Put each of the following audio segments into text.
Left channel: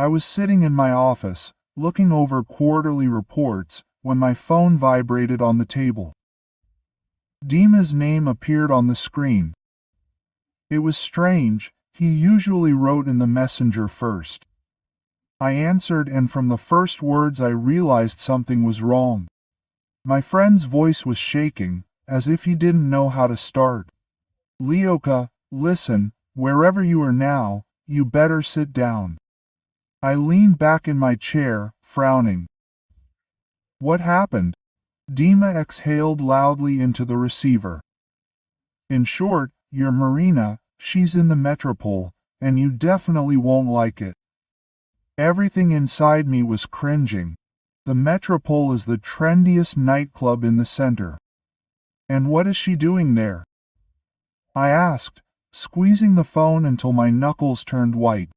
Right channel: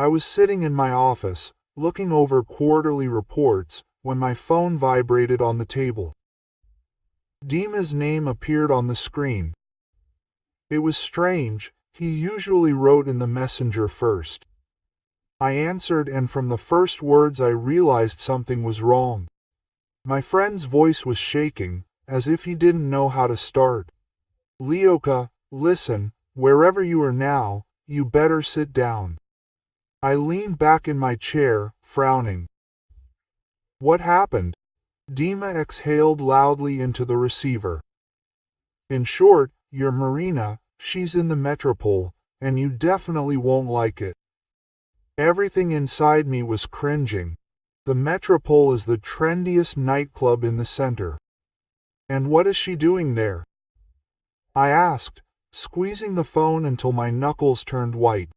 I was sitting in my office, looking over quarterly reports, when my phone vibrated on the table. Dima's name appeared on the screen. It was strange, he usually wrote in the messenger first. I answered, and from the first words I realized something was wrong. My friend's voice was shaking, as if he didn't know how to start. "Leoka, listen, wherever you are now, you better sit down." I leaned back in my chair, frowning. "What happened?" Dima exhaled loudly into the receiver. "In short, your Marina, she's in the metropole, and you definitely won't like it." Everything inside me was cringing. The metropole is the trendiest nightclub in the center. And what is she doing there? I asked, squeezing the phone until my knuckles turned white.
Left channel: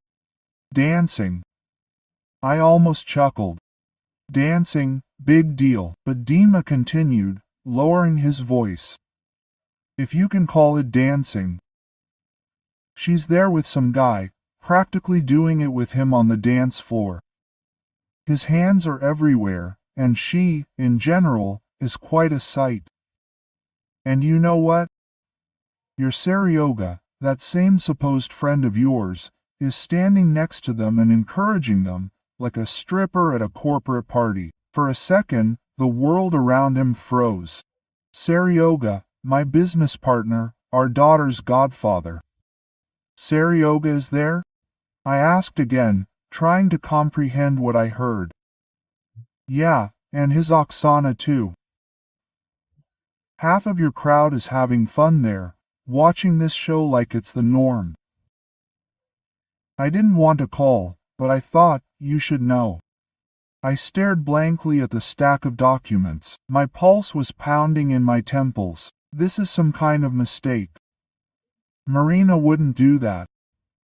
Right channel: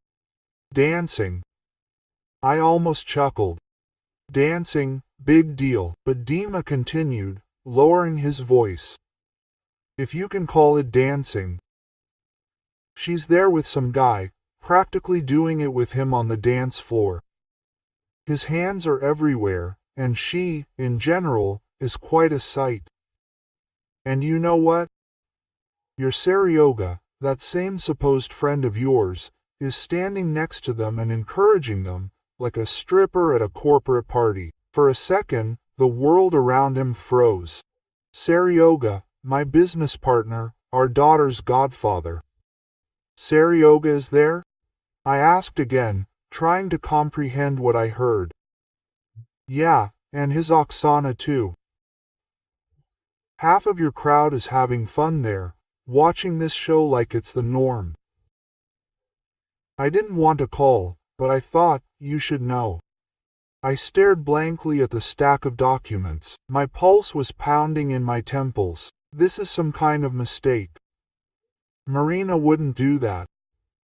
"Dancing." I almost chuckled. "Dancing, big deal," but Dima continued, lowering his voice. "If you can call it dancing. She's there with some guy, practically doing it with him on the dance floor. His hands are everywhere, and she, in general, is quite a sight. And you know what? Your Seryoga, that same supposed friend of yours, is standing next to them and encouraging them, like a stripper at a corporate party." For a second, the world around him froze. Seryoga, my business partner, our daughter's godfather. "Seryoga is there?" I asked again, trying to comprehend what I heard. "Yeah, and his Oksana too. Half of your crowd is having fun there, watching this show like it's the norm." I didn't want to call, but I thought, you should know. I stared blankly at the stack of documents. My pulse was pounding in my temples. This is some kind of mistake. Marina wouldn't do that.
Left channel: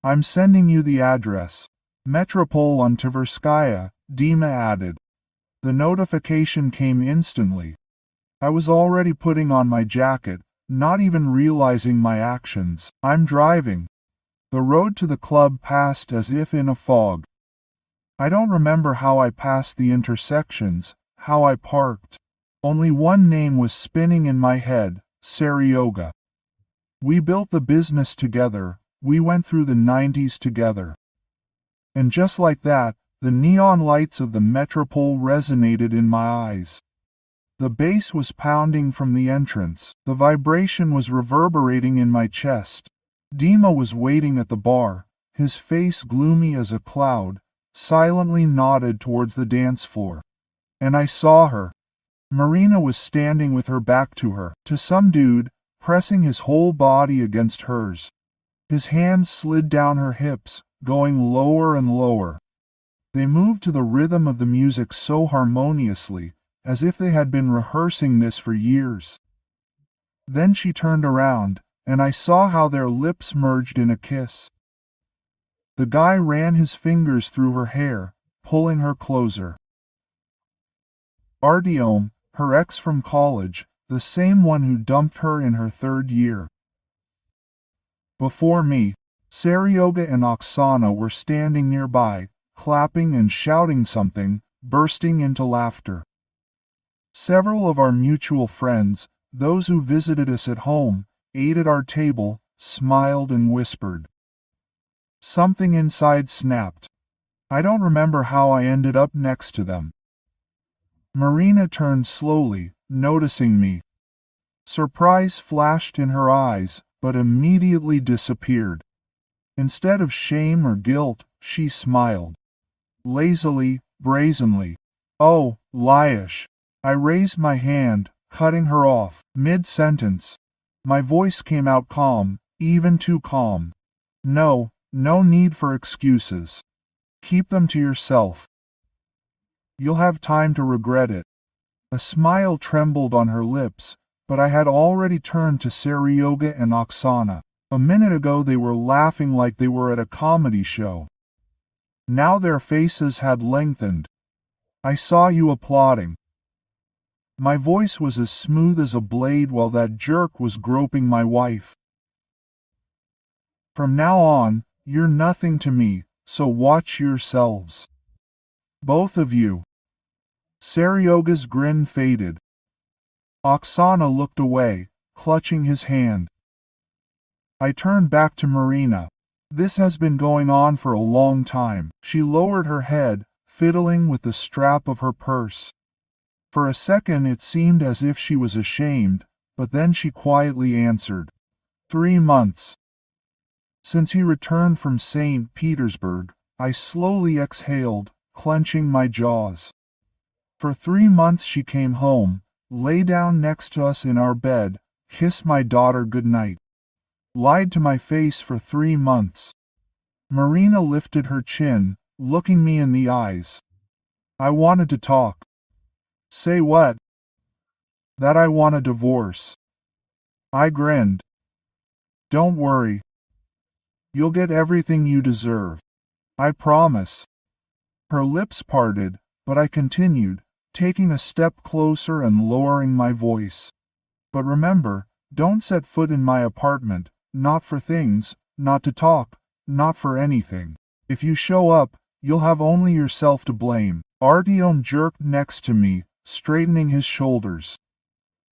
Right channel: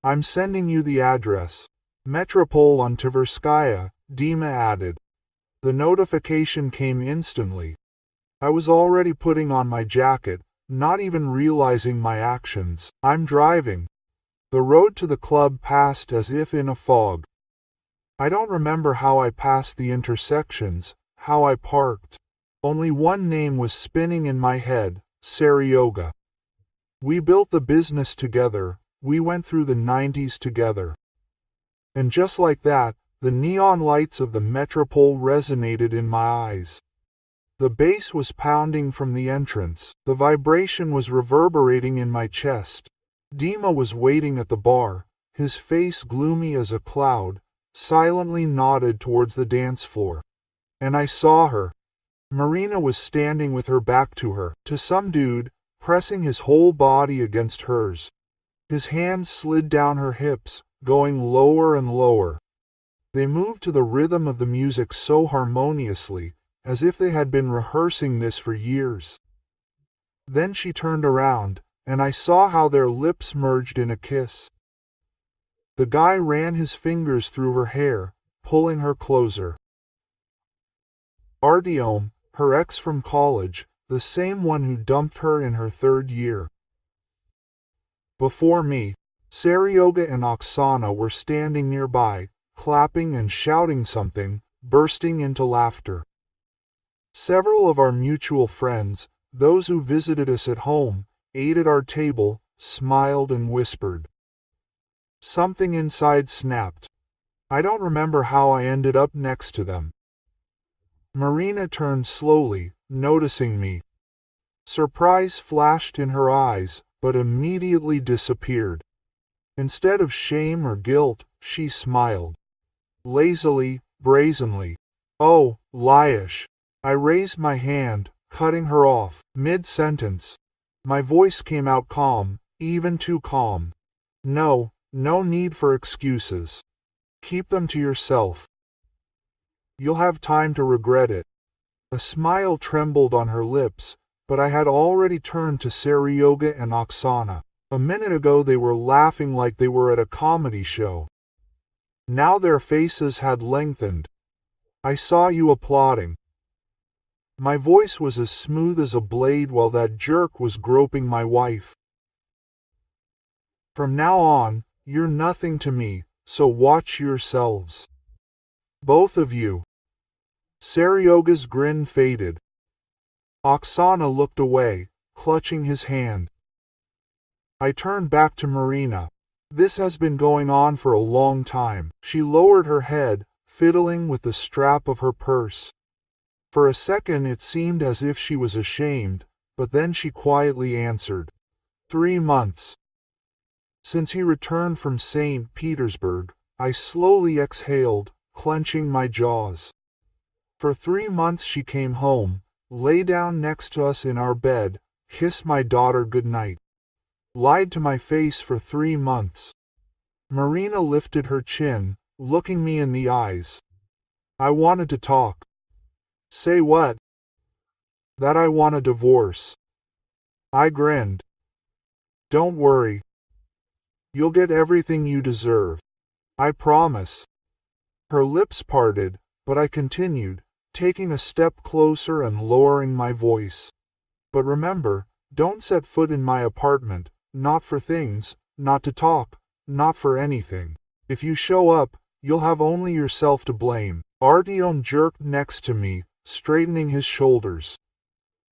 "I'm sending you the address. Metropole on Tverskaya," Dima added. The notification came instantly. I was already putting on my jacket, not even realizing my actions. "I'm driving." The road to the club passed as if in a fog. I don't remember how I passed the intersections, how I parked. Only one name was spinning in my head, Seryoga. We built the business together, we went through the 90s together. And just like that, the neon lights of the metropole resonated in my eyes. The bass was pounding from the entrance, the vibration was reverberating in my chest. Dima was waiting at the bar, his face gloomy as a cloud, silently nodded towards the dance floor. And I saw her. Marina was standing with her back to some dude, pressing his whole body against hers. His hands slid down her hips, going lower and lower. They moved to the rhythm of the music so harmoniously, as if they had been rehearsing this for years. Then she turned around, and I saw how their lips merged in a kiss. The guy ran his fingers through her hair, pulling her closer. Artyom, her ex from college, the same one who dumped her in her third year. Before me, Seryoga and Oksana were standing nearby, clapping and shouting something, bursting into laughter. Several of our mutual friends, those who visited us at home, ate at our table, smiled and whispered. Something inside snapped. I don't remember how I ended up next to them. Marina turned slowly, noticing me. Surprise flashed in her eyes, but immediately disappeared. Instead of shame or guilt, she smiled. Lazily, brazenly. "Oh, Lyash." I raised my hand, cutting her off, mid-sentence. My voice came out calm, even too calm. No need for excuses. Keep them to yourself. You'll have time to regret it." A smile trembled on her lips, but I had already turned to Seryoga and Oksana. A minute ago they were laughing like they were at a comedy show. Now their faces had lengthened. "I saw you applauding." My voice was as smooth as a blade while that jerk was groping my wife. "From now on, you're nothing to me, so watch yourselves. Both of you." Seryoga's grin faded. Oksana looked away, clutching his hand. I turned back to Marina. "This has been going on for a long time." She lowered her head, fiddling with the strap of her purse. For a second it seemed as if she was ashamed, but then she quietly answered, 3 months. Since he returned from St. Petersburg, I slowly exhaled, clenching my jaws. For 3 months she came home, lay down next to us in our bed, kissed my daughter goodnight. Lied to my face for 3 months. Marina lifted her chin, looking me in the eyes. I wanted to talk. Say what? That I want a divorce. I grinned. Don't worry. You'll get everything you deserve. I promise. Her lips parted, but I continued, taking a step closer and lowering my voice. But remember, don't set foot in my apartment, not for things, not to talk, not for anything. If you show up, you'll have only yourself to blame. Artyom jerked next to me, straightening his shoulders.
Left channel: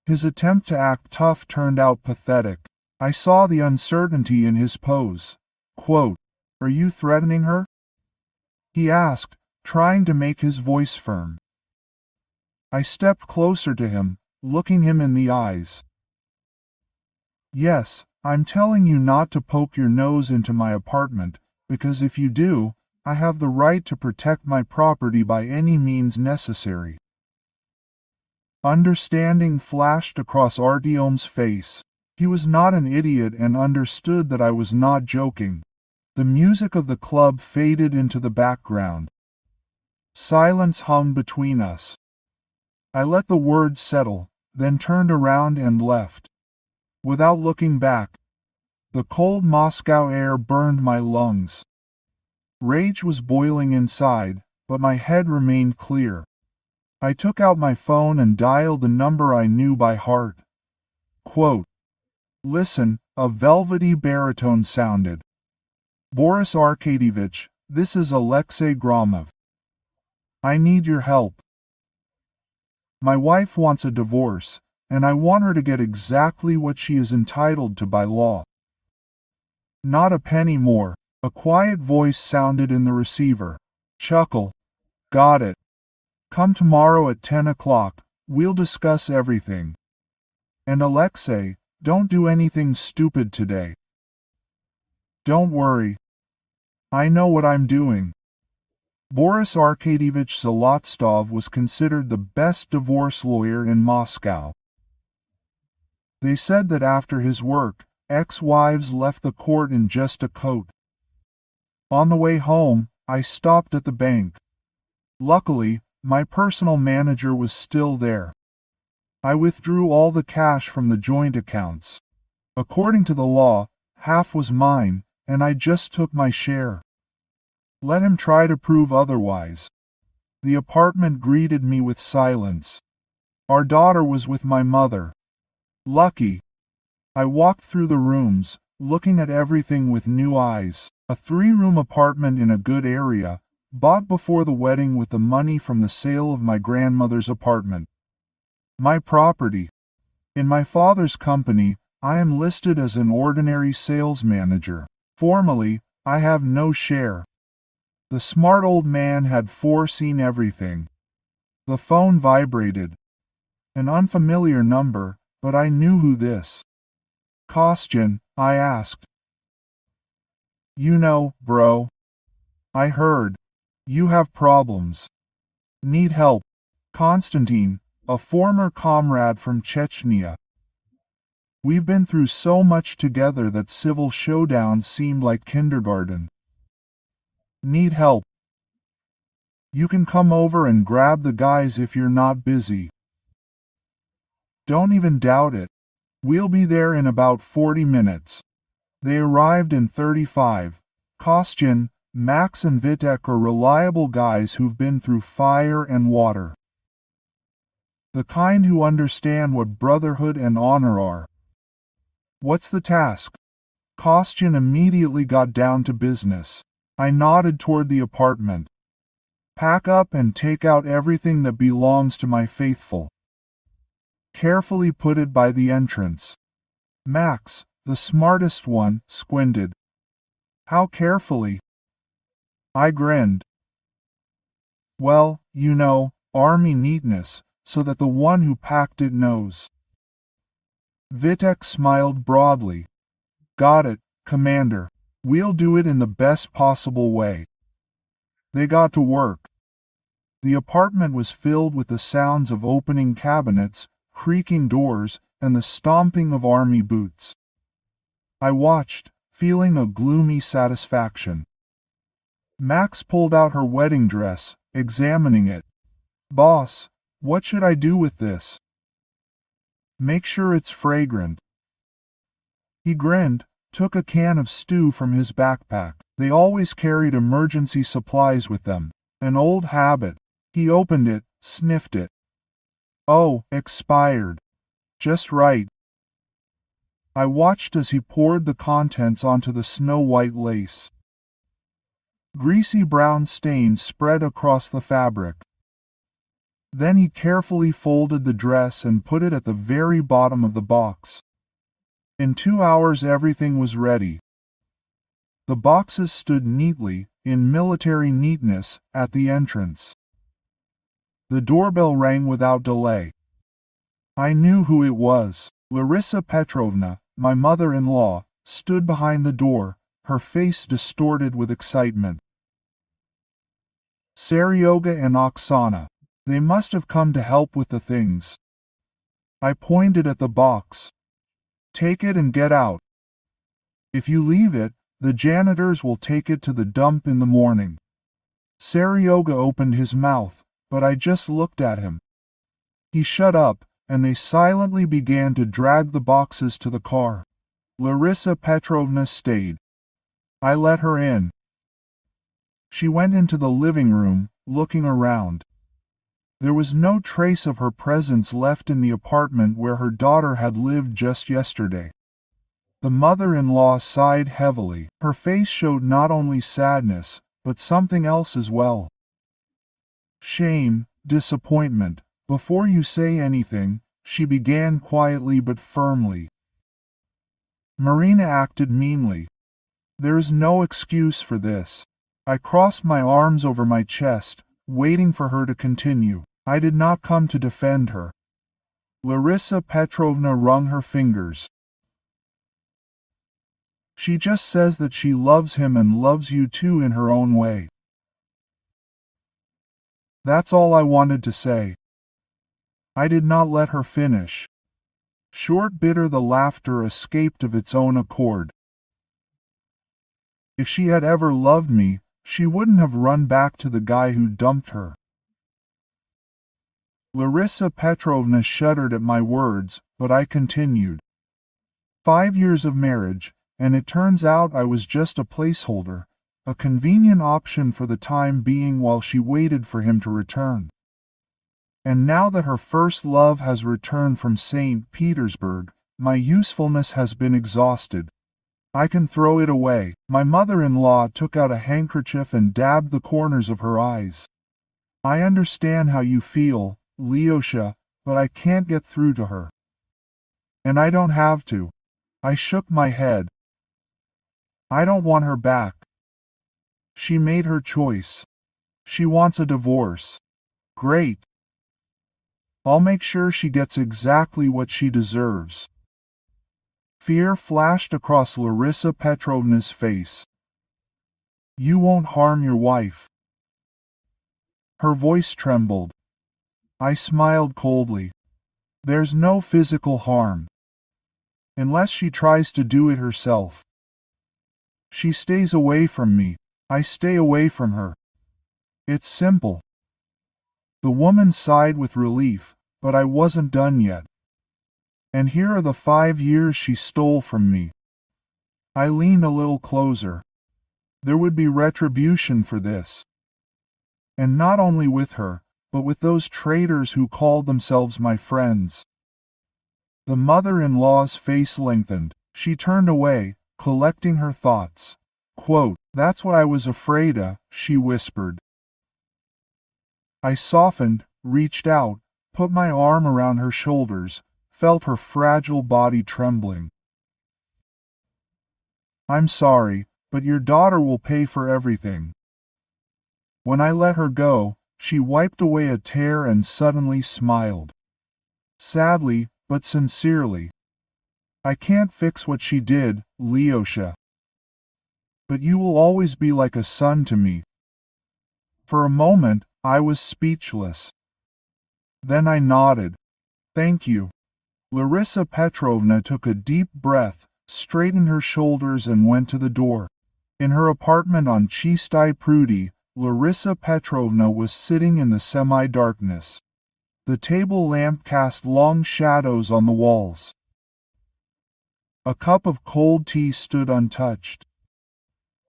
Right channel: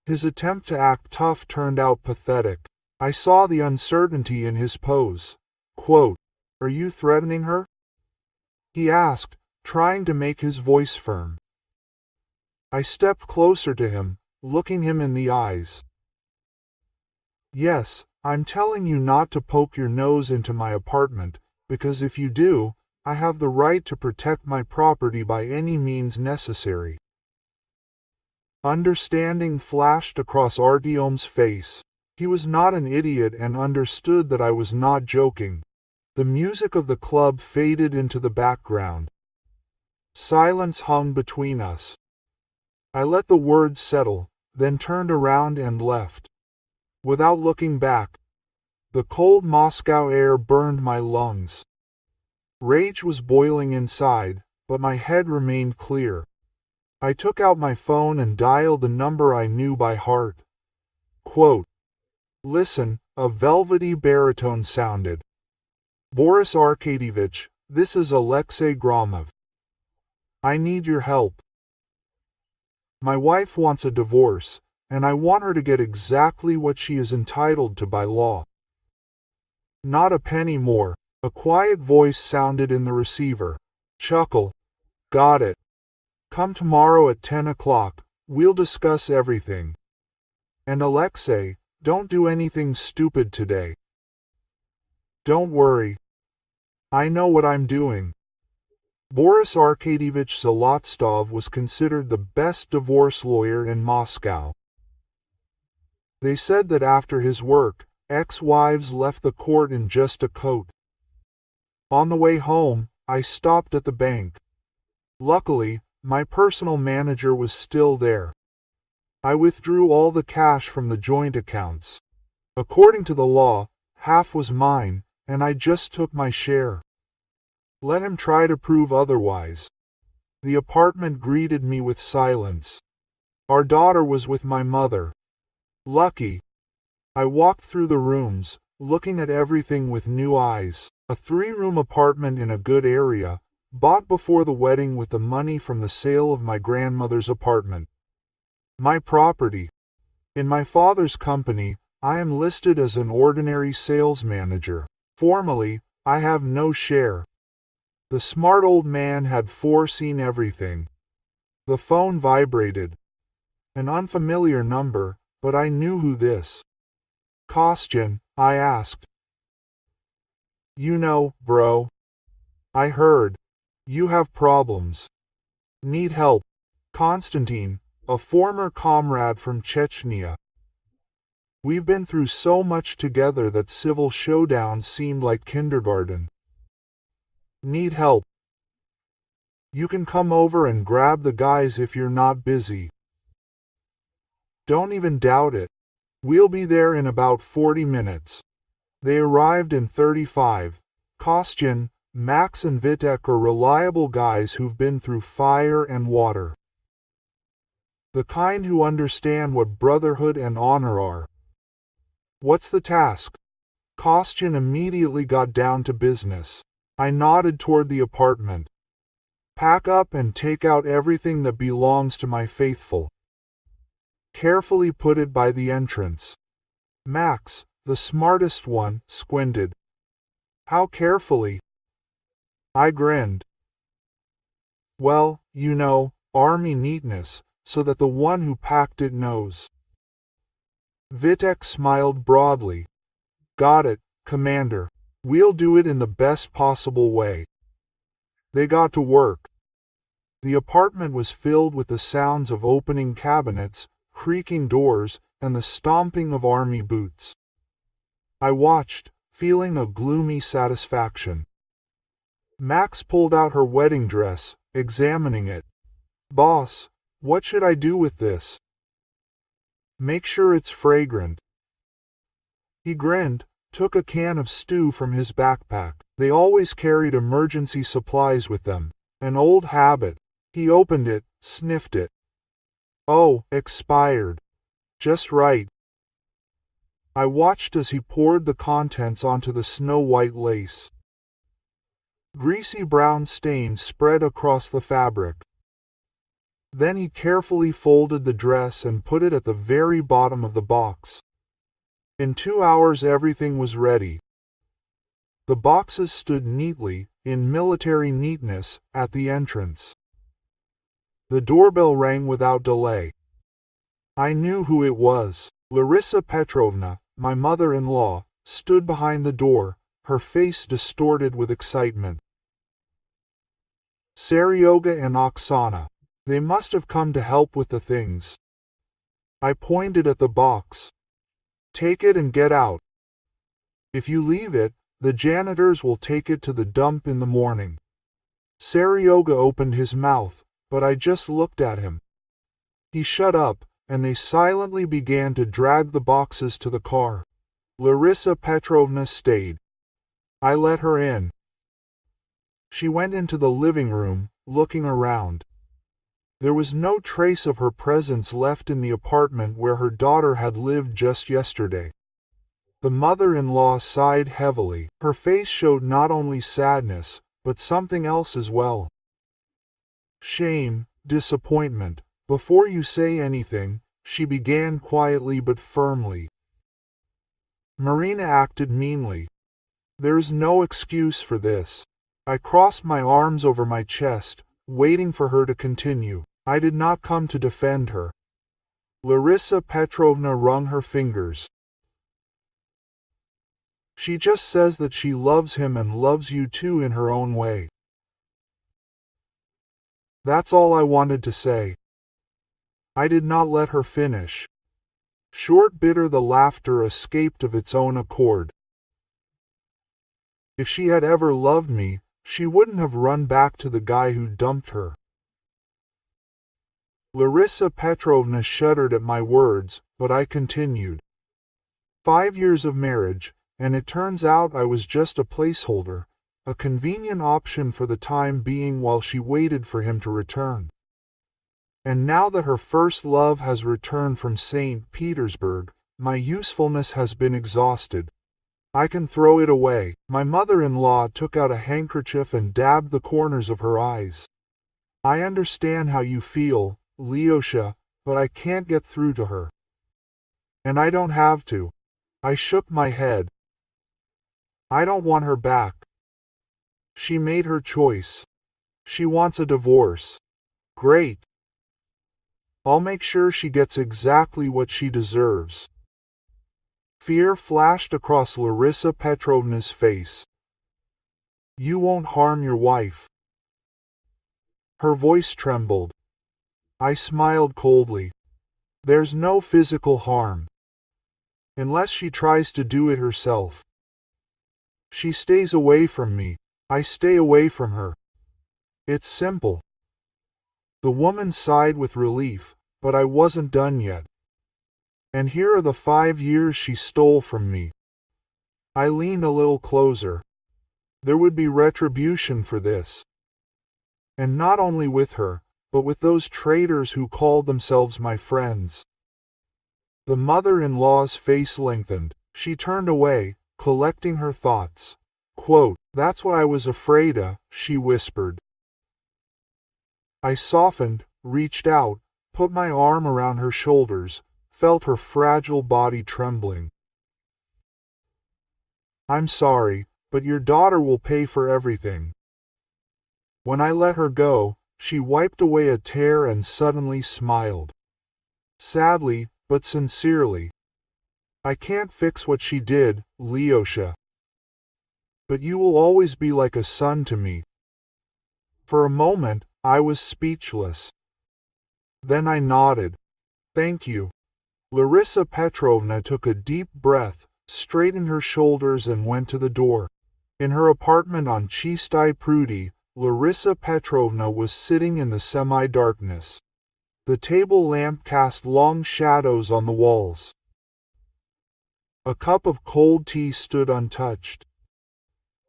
His attempt to act tough turned out pathetic. I saw the uncertainty in his pose. Quote, "Are you threatening her?" he asked, trying to make his voice firm. I stepped closer to him, looking him in the eyes. Yes, I'm telling you not to poke your nose into my apartment, because if you do, I have the right to protect my property by any means necessary. Understanding flashed across Artyom's face. He was not an idiot and understood that I was not joking. The music of the club faded into the background. Silence hung between us. I let the words settle, then turned around and left. Without looking back. The cold Moscow air burned my lungs. Rage was boiling inside, but my head remained clear. I took out my phone and dialed the number I knew by heart. Quote, "Listen," a velvety baritone sounded. "Boris Arkadyevich, this is Alexei Gromov. I need your help. My wife wants a divorce, and I want her to get exactly what she is entitled to by law. Not a penny more." A quiet voice sounded in the receiver. Chuckle. "Got it. Come tomorrow at 10 o'clock, we'll discuss everything. And Alexei, don't do anything stupid today." "Don't worry. I know what I'm doing." Boris Arkadyevich Zolotstov was considered the best divorce lawyer in Moscow. They said that after his work, ex-wives left the court in just a coat. On the way home, I stopped at the bank. Luckily, my personal manager was still there. I withdrew all the cash from the joint accounts. According to the law, half was mine, and I just took my share. Let him try to prove otherwise. The apartment greeted me with silence. Our daughter was with my mother. Lucky. I walked through the rooms, looking at everything with new eyes. A 3-room apartment in a good area, bought before the wedding with the money from the sale of my grandmother's apartment. My property. In my father's company, I am listed as an ordinary sales manager. Formally, I have no share. The smart old man had foreseen everything. The phone vibrated. An unfamiliar number, but I knew who this. "Kostyan?" I asked. "You know, bro. I heard. You have problems. Need help." Konstantin, a former comrade from Chechnya. We've been through so much together that civil showdowns seemed like kindergarten. Need help. You can come over and grab the guys if you're not busy. Don't even doubt it. We'll be there in about 40 minutes. They arrived in 35. Kostyan, Max and Vitek are reliable guys who've been through fire and water. The kind who understand what brotherhood and honor are. What's the task? Kostyan immediately got down to business. I nodded toward the apartment. Pack up and take out everything that belongs to my faithful. Carefully put it by the entrance. Max, the smartest one, squinted. How carefully? I grinned. Well, you know, army neatness, so that the one who packed it knows. Vitek smiled broadly. Got it, Commander. We'll do it in the best possible way. They got to work. The apartment was filled with the sounds of opening cabinets, creaking doors, and the stomping of army boots. I watched, feeling a gloomy satisfaction. Max pulled out her wedding dress, examining it. Boss, what should I do with this? Make sure it's fragrant. He grinned, took a can of stew from his backpack. They always carried emergency supplies with them. An old habit. He opened it, sniffed it. Oh, expired. Just right. I watched as he poured the contents onto the snow-white lace. Greasy brown stains spread across the fabric. Then he carefully folded the dress and put it at the very bottom of the box. In 2 hours everything was ready. The boxes stood neatly, in military neatness, at the entrance. The doorbell rang without delay. I knew who it was. Larissa Petrovna, my mother-in-law, stood behind the door, her face distorted with excitement. Seryoga and Oksana. They must have come to help with the things. I pointed at the box. Take it and get out. If you leave it, the janitors will take it to the dump in the morning. Seryoga opened his mouth, but I just looked at him. He shut up, and they silently began to drag the boxes to the car. Larissa Petrovna stayed. I let her in. She went into the living room, looking around. There was no trace of her presence left in the apartment where her daughter had lived just yesterday. The mother-in-law sighed heavily. Her face showed not only sadness, but something else as well. Shame, disappointment. Before you say anything, she began quietly but firmly. Marina acted meanly. There is no excuse for this. I crossed my arms over my chest, waiting for her to continue. I did not come to defend her. Larissa Petrovna wrung her fingers. She just says that she loves him and loves you too in her own way. That's all I wanted to say. I did not let her finish. Short bitter the laughter escaped of its own accord. If she had ever loved me, she wouldn't have run back to the guy who dumped her. Larissa Petrovna shuddered at my words, but I continued. 5 years of marriage, and it turns out I was just a placeholder, a convenient option for the time being while she waited for him to return. And now that her first love has returned from St. Petersburg, my usefulness has been exhausted. I can throw it away. My mother-in-law took out a handkerchief and dabbed the corners of her eyes. I understand how you feel, Lyosha, but I can't get through to her. And I don't have to. I shook my head. I don't want her back. She made her choice. She wants a divorce. Great. I'll make sure she gets exactly what she deserves. Fear flashed across Larissa Petrovna's face. You won't harm your wife. Her voice trembled. I smiled coldly. There's no physical harm. Unless she tries to do it herself. She stays away from me. I stay away from her. It's simple. The woman sighed with relief, but I wasn't done yet. And here are the 5 years she stole from me. I leaned a little closer. There would be retribution for this. And not only with her, but with those traitors who called themselves my friends. The mother-in-law's face lengthened. She turned away, collecting her thoughts. Quote, That's what I was afraid of, she whispered. I softened, reached out, put my arm around her shoulders, felt her fragile body trembling. I'm sorry, but your daughter will pay for everything. When I let her go, she wiped away a tear and suddenly smiled. Sadly, but sincerely. I can't fix what she did, Lyosha. But you will always be like a son to me. For a moment, I was speechless. Then I nodded. Thank you. Larissa Petrovna took a deep breath, straightened her shoulders and went to the door. In her apartment on Chistai Prudi, Larissa Petrovna was sitting in the semi-darkness. The table lamp cast long shadows on the walls. A cup of cold tea stood untouched.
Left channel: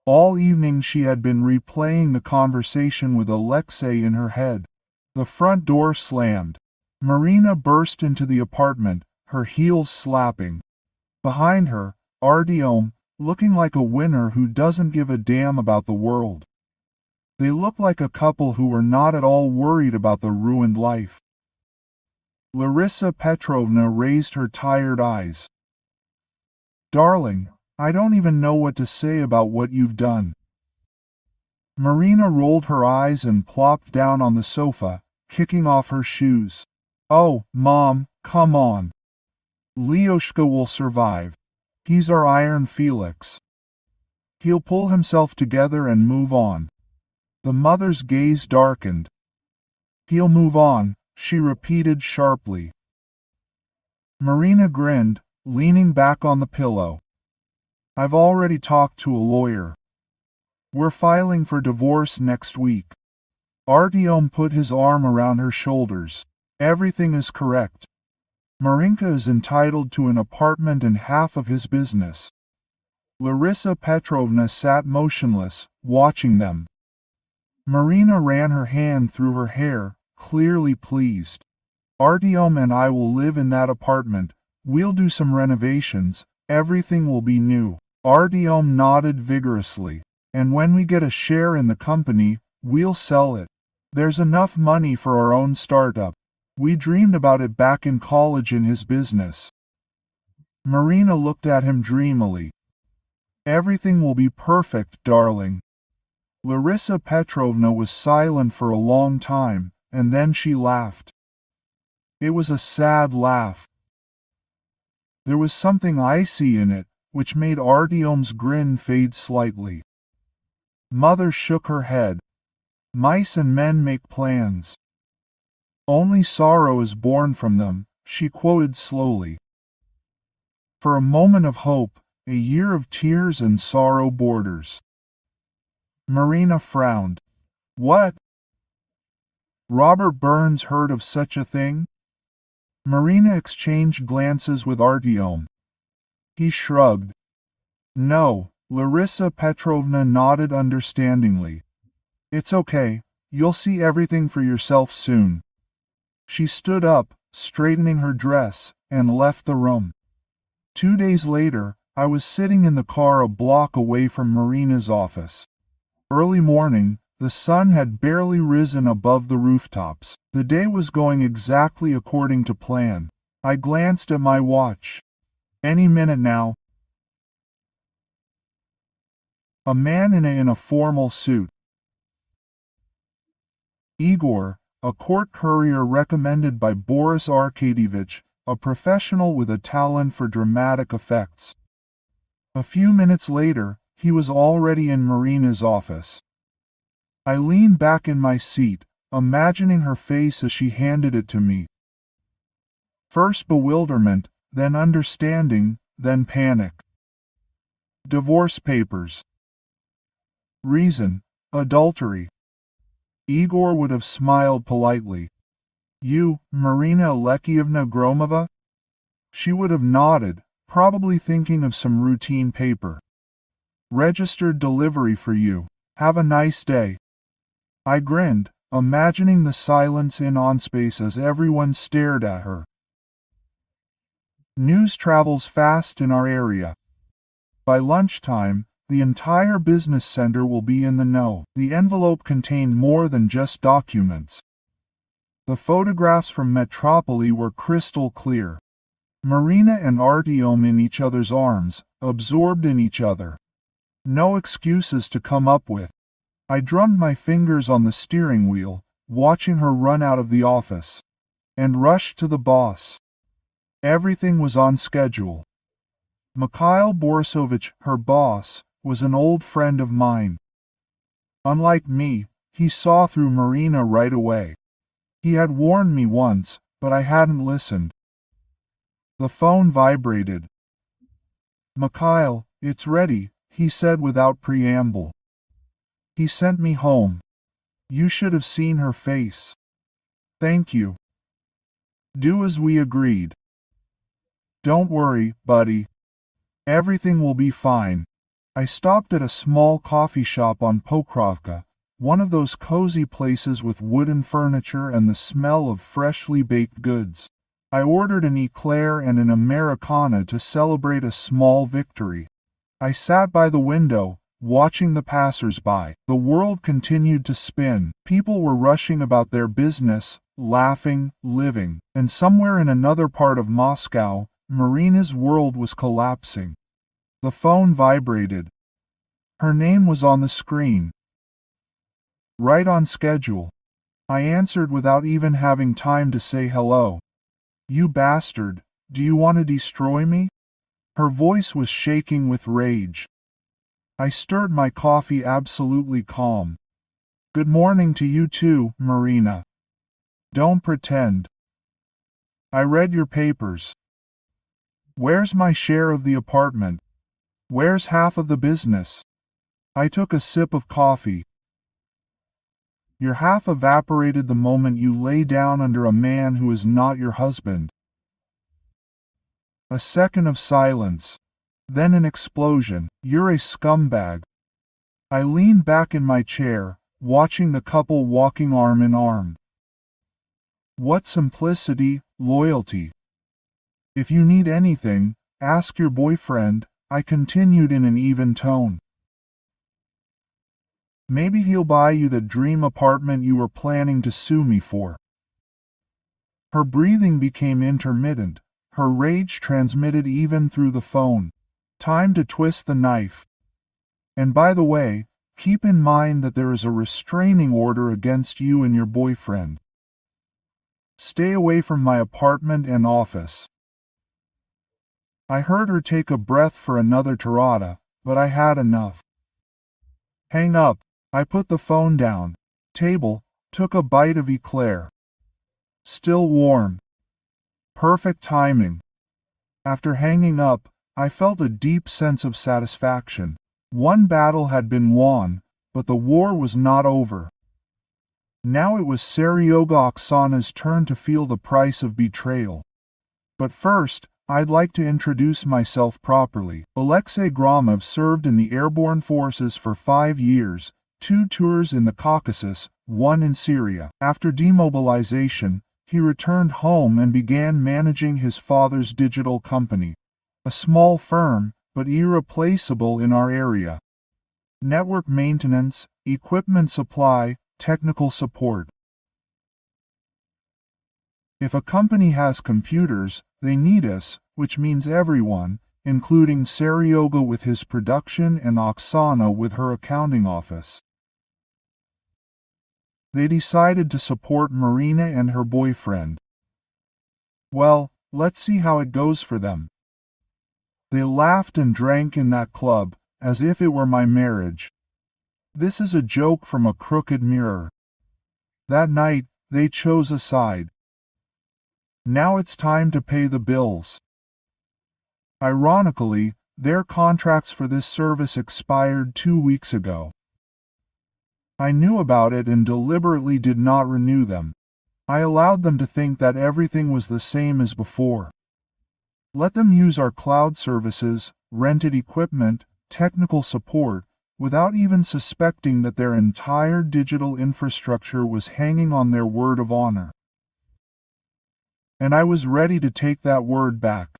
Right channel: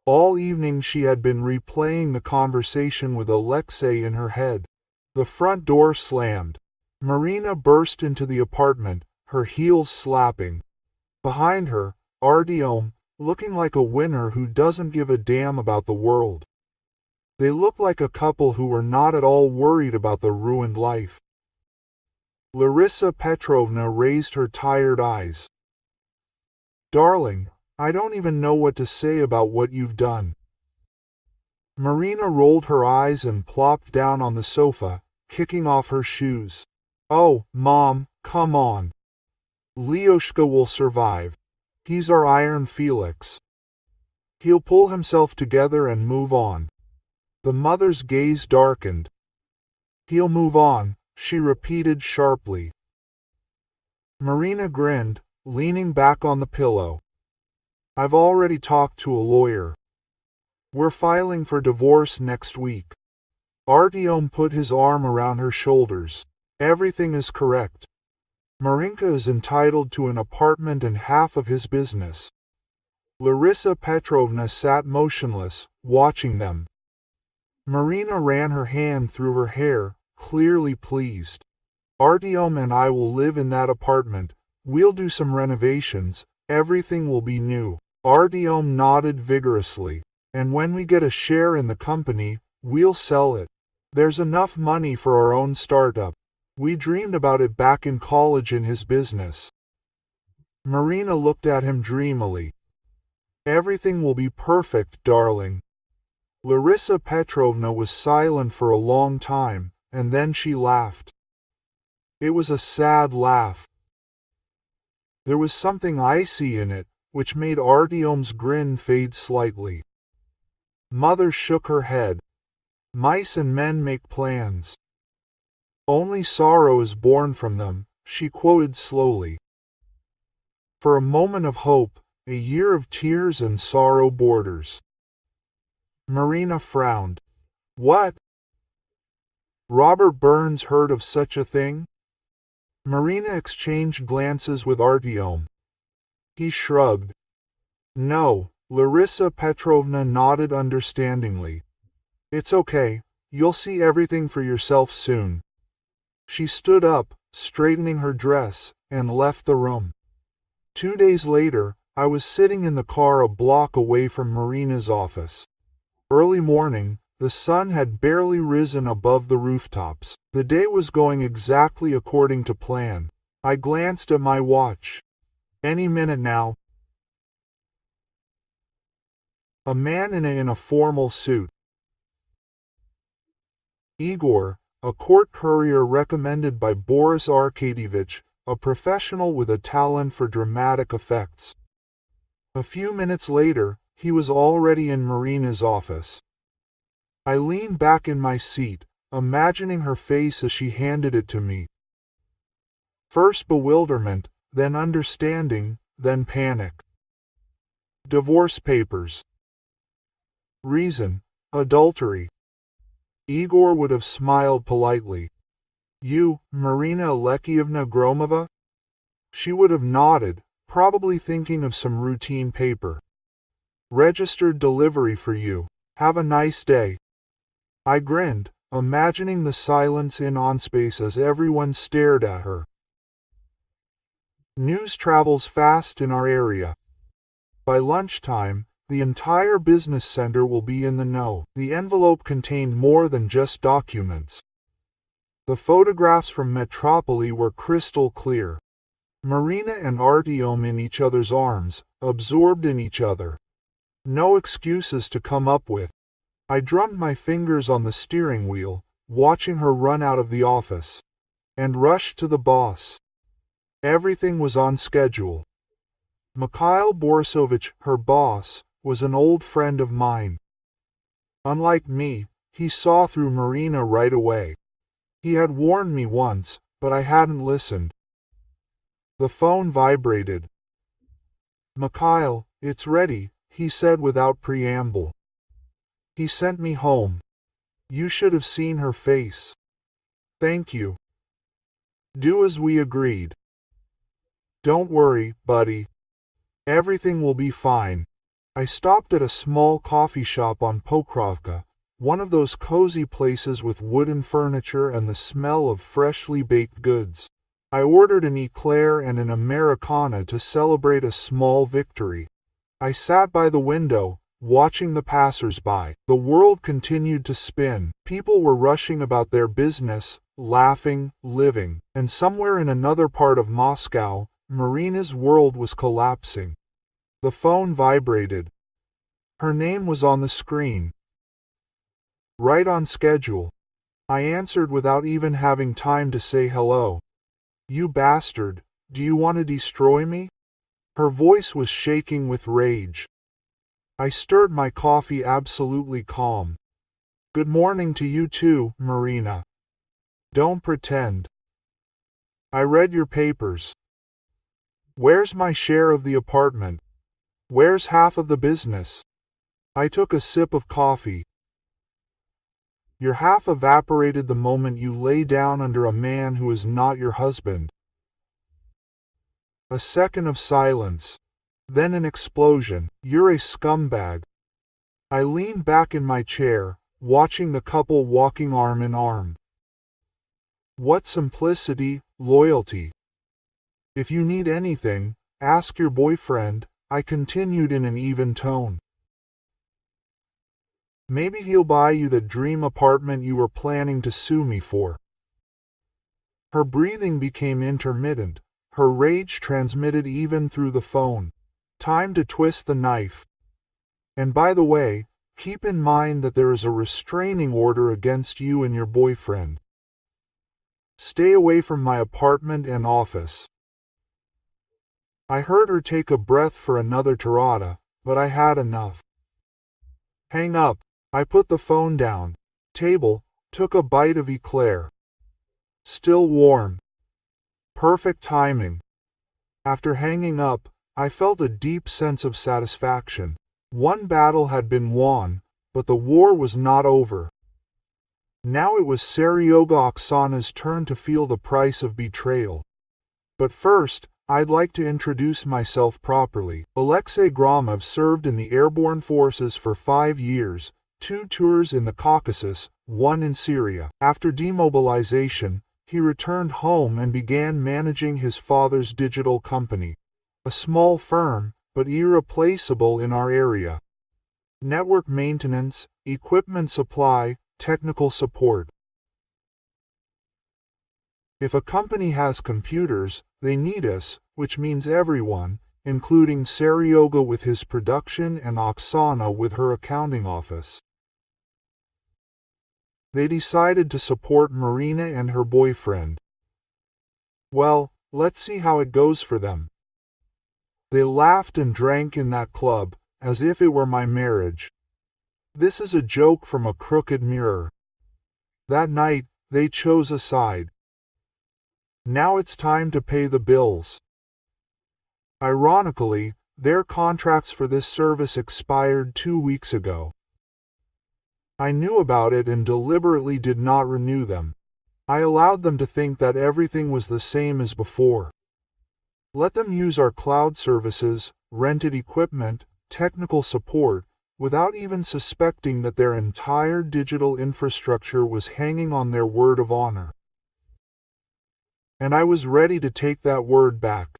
All evening she had been replaying the conversation with Alexei in her head. The front door slammed. Marina burst into the apartment, her heels slapping. Behind her, Artyom, looking like a winner who doesn't give a damn about the world. They looked like a couple who were not at all worried about the ruined life. Larissa Petrovna raised her tired eyes. Darling, I don't even know what to say about what you've done. Marina rolled her eyes and plopped down on the sofa, kicking off her shoes. Oh, Mom, come on. Lyoshka will survive. He's our Iron Felix. He'll pull himself together and move on. The mother's gaze darkened. He'll move on, she repeated sharply. Marina grinned, leaning back on the pillow. I've already talked to a lawyer. We're filing for divorce next week. Artyom put his arm around her shoulders. Everything is correct. Marinka is entitled to an apartment and half of his business. Larissa Petrovna sat motionless, watching them. Marina ran her hand through her hair, clearly pleased. Artyom and I will live in that apartment. We'll do some renovations. Everything will be new. Artyom nodded vigorously. And when we get a share in the company, we'll sell it. There's enough money for our own startup. We dreamed about it back in college in his business. Marina looked at him dreamily. Everything will be perfect, darling. Larissa Petrovna was silent for a long time, and then she laughed. It was a sad laugh. There was something icy in it, which made Artyom's grin fade slightly. Mother shook her head. Mice and men make plans. Only sorrow is born from them, she quoted slowly. For a moment of hope, a year of tears and sorrow borders. Marina frowned. What? Robert Burns heard of such a thing? Marina exchanged glances with Artyom. He shrugged. No, Larissa Petrovna nodded understandingly. It's okay, you'll see everything for yourself soon. She stood up, straightening her dress, and left the room. 2 days later, I was sitting in the car a block away from Marina's office. Early morning, the sun had barely risen above the rooftops. The day was going exactly according to plan. I glanced at my watch. Any minute now. A man in a formal suit. Igor, a court courier recommended by Boris Arkadyevich, a professional with a talent for dramatic effects. A few minutes later, he was already in Marina's office. I leaned back in my seat, imagining her face as she handed it to me. First bewilderment, then understanding, then panic. Divorce papers. Reason: adultery. Igor would have smiled politely. You, Marina Alexievna Gromova? She would have nodded, probably thinking of some routine paper. Registered delivery for you. Have a nice day. I grinned, imagining the silence in OnSpace as everyone stared at her. News travels fast in our area. By lunchtime, The entire business center will be in the know. The envelope contained more than just documents. The photographs from Metropoli were crystal clear. Marina and Artyom in each other's arms, absorbed in each other. No excuses to come up with. I drummed my fingers on the steering wheel, watching her run out of the office, and rushed to the boss. Everything was on schedule. Mikhail Borisovich, her boss, was an old friend of mine. Unlike me, he saw through Marina right away. He had warned me once, but I hadn't listened. The phone vibrated. "Mikhail, it's ready," he said without preamble. He sent me home. You should have seen her face. "Thank you. Do as we agreed." "Don't worry, buddy. Everything will be fine." I stopped at a small coffee shop on Pokrovka, one of those cozy places with wooden furniture and the smell of freshly baked goods. I ordered an eclair and an Americana to celebrate a small victory. I sat by the window, watching the passers-by. The world continued to spin. People were rushing about their business, laughing, living. And somewhere in another part of Moscow, Marina's world was collapsing. The phone vibrated. Her name was on the screen. Right on schedule. I answered without even having time to say hello. "You bastard, do you want to destroy me?" Her voice was shaking with rage. I stirred my coffee absolutely calm. "Good morning to you too, Marina. Don't pretend. I read your papers. Where's my share of the apartment? Where's half of the business?" I took a sip of coffee. "Your half evaporated the moment you lay down under a man who is not your husband." A second of silence. Then an explosion. "You're a scumbag." I leaned back in my chair, watching the couple walking arm in arm. What simplicity, loyalty. "If you need anything, ask your boyfriend," I continued in an even tone. "Maybe he'll buy you the dream apartment you were planning to sue me for." Her breathing became intermittent. Her rage transmitted even through the phone. Time to twist the knife. "And by the way, keep in mind that there is a restraining order against you and your boyfriend. Stay away from my apartment and office." I heard her take a breath for another tirada, but I had enough. "Hang up." I put the phone down. Table, took a bite of eclair. Still warm. Perfect timing. After hanging up, I felt a deep sense of satisfaction. One battle had been won, but the war was not over. Now it was Seryoga Oksana's turn to feel the price of betrayal. But first, I'd like to introduce myself properly. Alexei Gromov served in the airborne forces for 5 years, 2 tours in the Caucasus, 1 in Syria. After demobilization, he returned home and began managing his father's digital company. A small firm, but irreplaceable in our area. Network maintenance, equipment supply, technical support. If a company has computers, they need us, which means everyone, including Seryoga with his production and Oksana with her accounting office. They decided to support Marina and her boyfriend. Well, let's see how it goes for them. They laughed and drank in that club, as if it were my marriage. This is a joke from a crooked mirror. That night, they chose a side. Now it's time to pay the bills. Ironically, their contracts for this service expired 2 weeks ago. I knew about it and deliberately did not renew them. I allowed them to think that everything was the same as before. Let them use our cloud services, rented equipment, technical support, without even suspecting that their entire digital infrastructure was hanging on their word of honor. And I was ready to take that word back.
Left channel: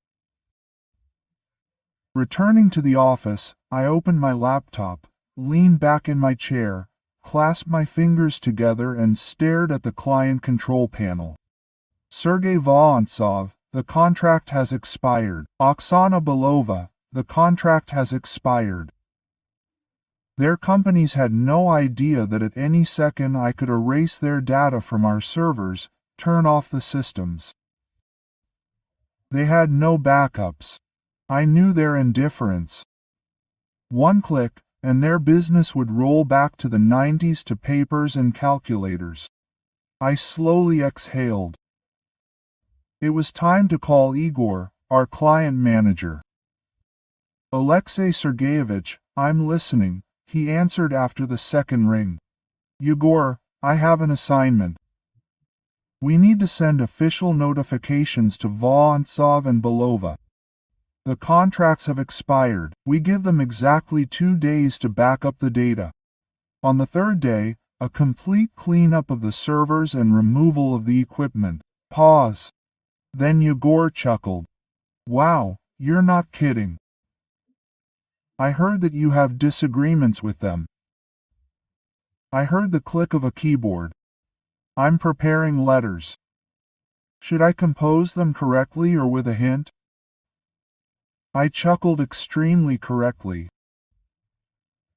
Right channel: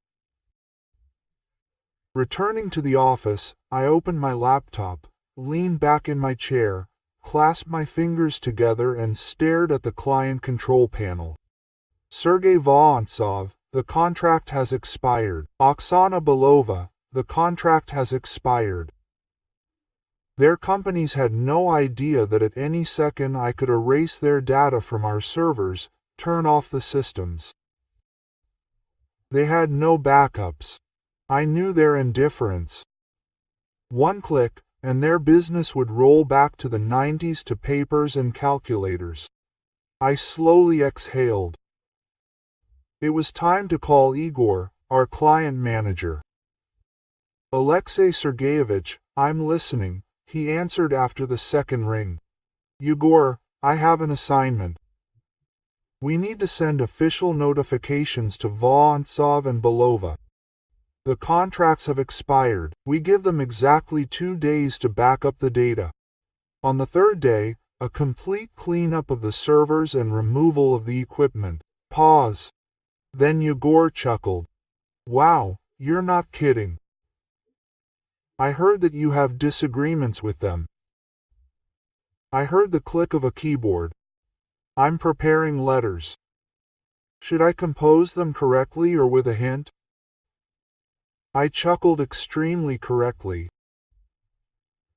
Returning to the office, I opened my laptop, leaned back in my chair, clasped my fingers together and stared at the client control panel. Sergey Vorontsov, the contract has expired. Oksana Belova, the contract has expired. Their companies had no idea that at any second I could erase their data from our servers, turn off the systems. They had no backups. I knew their indifference. One click, and their business would roll back to the 90s to papers and calculators. I slowly exhaled. It was time to call Igor, our client manager. Alexei Sergeyevich, I'm listening, he answered after the second ring. Igor, I have an assignment. We need to send official notifications to Vorontsov and Belova. The contracts have expired. We give them exactly 2 days to back up the data. On the third day, a complete cleanup of the servers and removal of the equipment. Pause. Then Igor chuckled. Wow, you're not kidding. I heard that you have disagreements with them. I heard the click of a keyboard. I'm preparing letters. Should I compose them correctly or with a hint? I chuckled extremely correctly.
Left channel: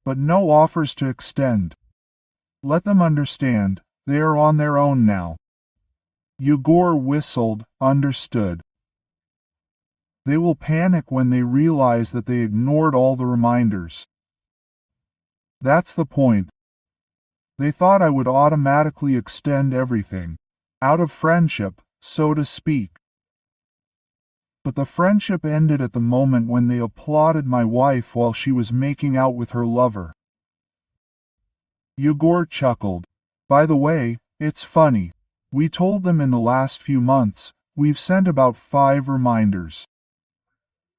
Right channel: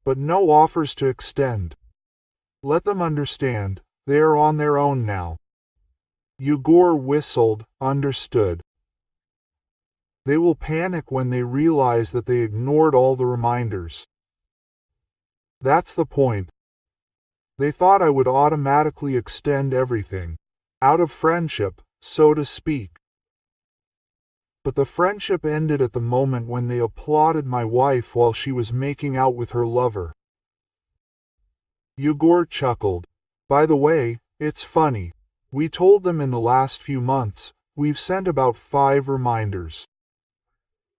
But no offers to extend. Let them understand, they are on their own now. Igor whistled, understood. They will panic when they realize that they ignored all the reminders. That's the point. They thought I would automatically extend everything, out of friendship, so to speak. But the friendship ended at the moment when they applauded my wife while she was making out with her lover. Igor chuckled. By the way, it's funny. We told them in the last few months, we've sent about 5 reminders.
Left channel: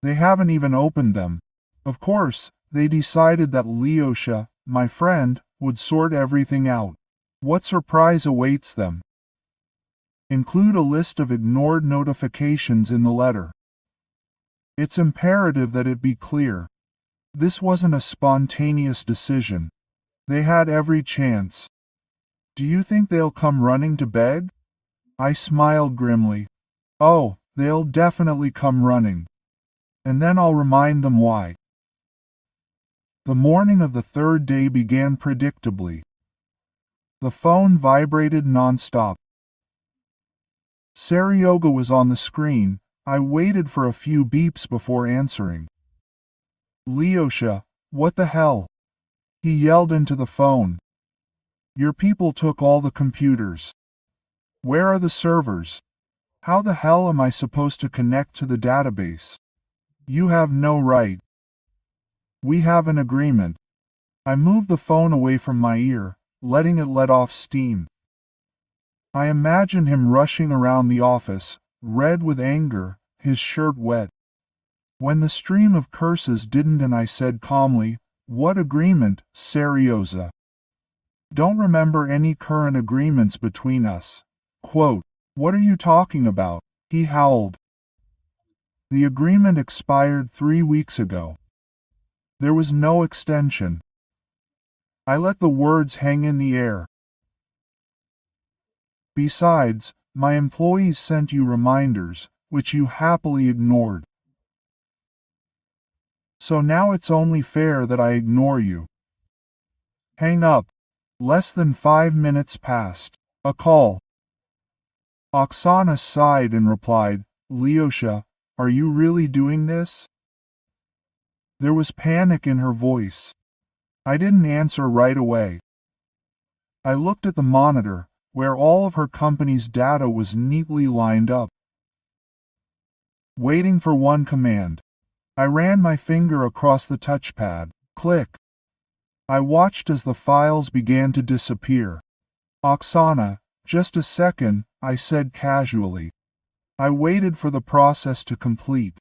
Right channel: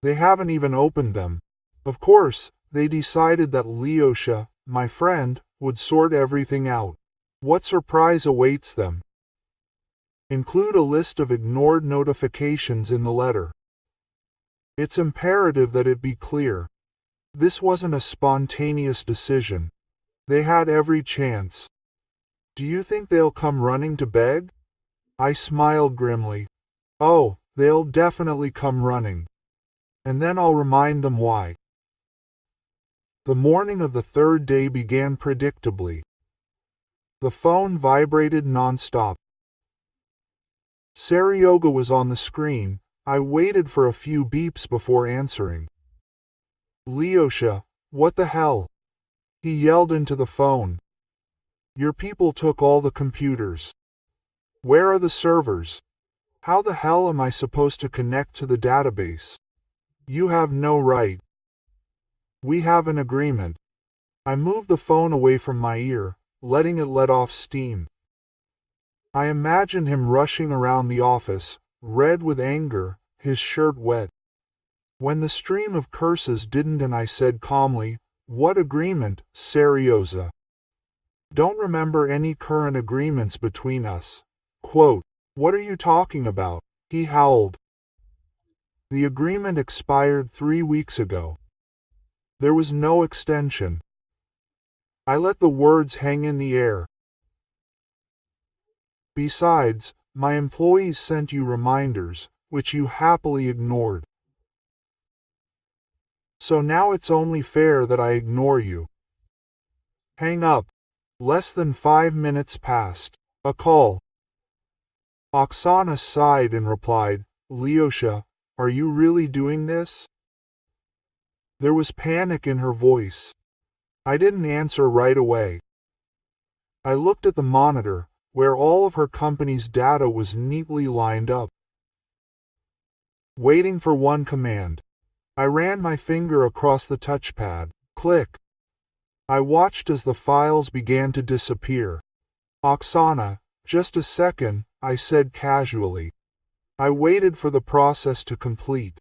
They haven't even opened them. Of course, they decided that Lyosha, my friend, would sort everything out. What surprise awaits them? Include a list of ignored notifications in the letter. It's imperative that it be clear. This wasn't a spontaneous decision. They had every chance. Do you think they'll come running to beg? I smiled grimly. Oh, they'll definitely come running. And then I'll remind them why. The morning of the third day began predictably. The phone vibrated non-stop. Seryoga was on the screen. I waited for a few beeps before answering. Lyosha, what the hell? He yelled into the phone. Your people took all the computers. Where are the servers? How the hell am I supposed to connect to the database? You have no right. We have an agreement. I moved the phone away from my ear, letting it let off steam. I imagined him rushing around the office, red with anger, his shirt wet. When the stream of curses didn't and I said calmly, what agreement, Seryoza? Don't remember any current agreements between us. Quote, what are you talking about? He howled. The agreement expired 3 weeks ago. There was no extension. I let the words hang in the air. Besides, my employees sent you reminders, which you happily ignored. So now it's only fair that I ignore you. Hang up. Less than 5 minutes passed. A call. Oksana sighed and replied, Lyosha, are you really doing this? There was panic in her voice. I didn't answer right away. I looked at the monitor, where all of her company's data was neatly lined up. Waiting for one command. I ran my finger across the touchpad. Click. I watched as the files began to disappear. Oksana, just a second, I said casually. I waited for the process to complete.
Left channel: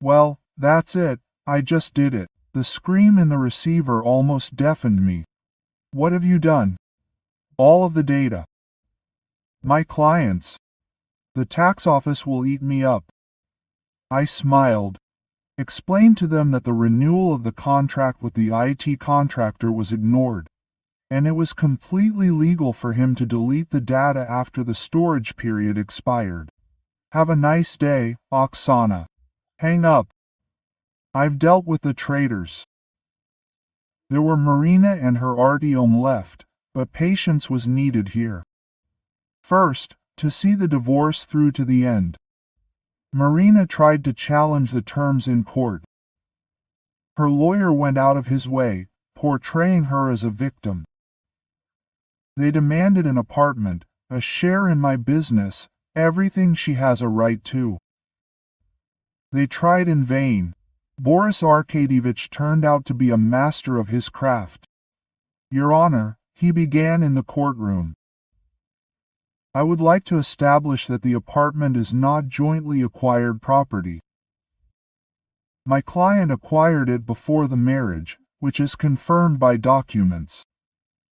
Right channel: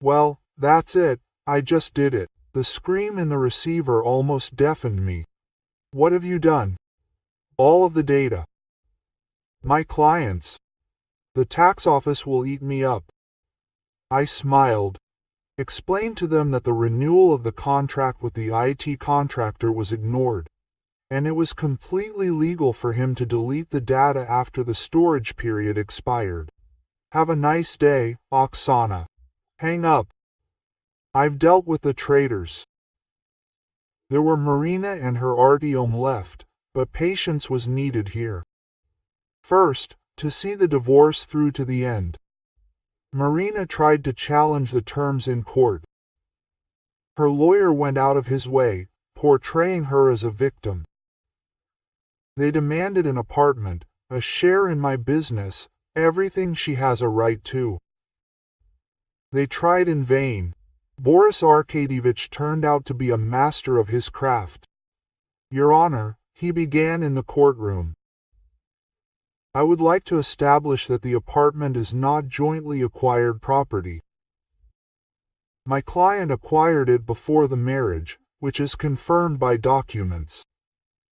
Well, that's it, I just did it. The scream in the receiver almost deafened me. What have you done? All of the data. My clients. The tax office will eat me up. I smiled. explained to them that the renewal of the contract with the IT contractor was ignored, and it was completely legal for him to delete the data after the storage period expired. Have a nice day, Oksana. Hang up. I've dealt with the traitors. There were Marina and her Artyom left, but patience was needed here. First, to see the divorce through to the end. Marina tried to challenge the terms in court. Her lawyer went out of his way, portraying her as a victim. They demanded an apartment, a share in my business, everything she has a right to. They tried in vain. Boris Arkadyevich turned out to be a master of his craft. Your Honor, he began in the courtroom. I would like to establish that the apartment is not jointly acquired property. My client acquired it before the marriage, which is confirmed by documents.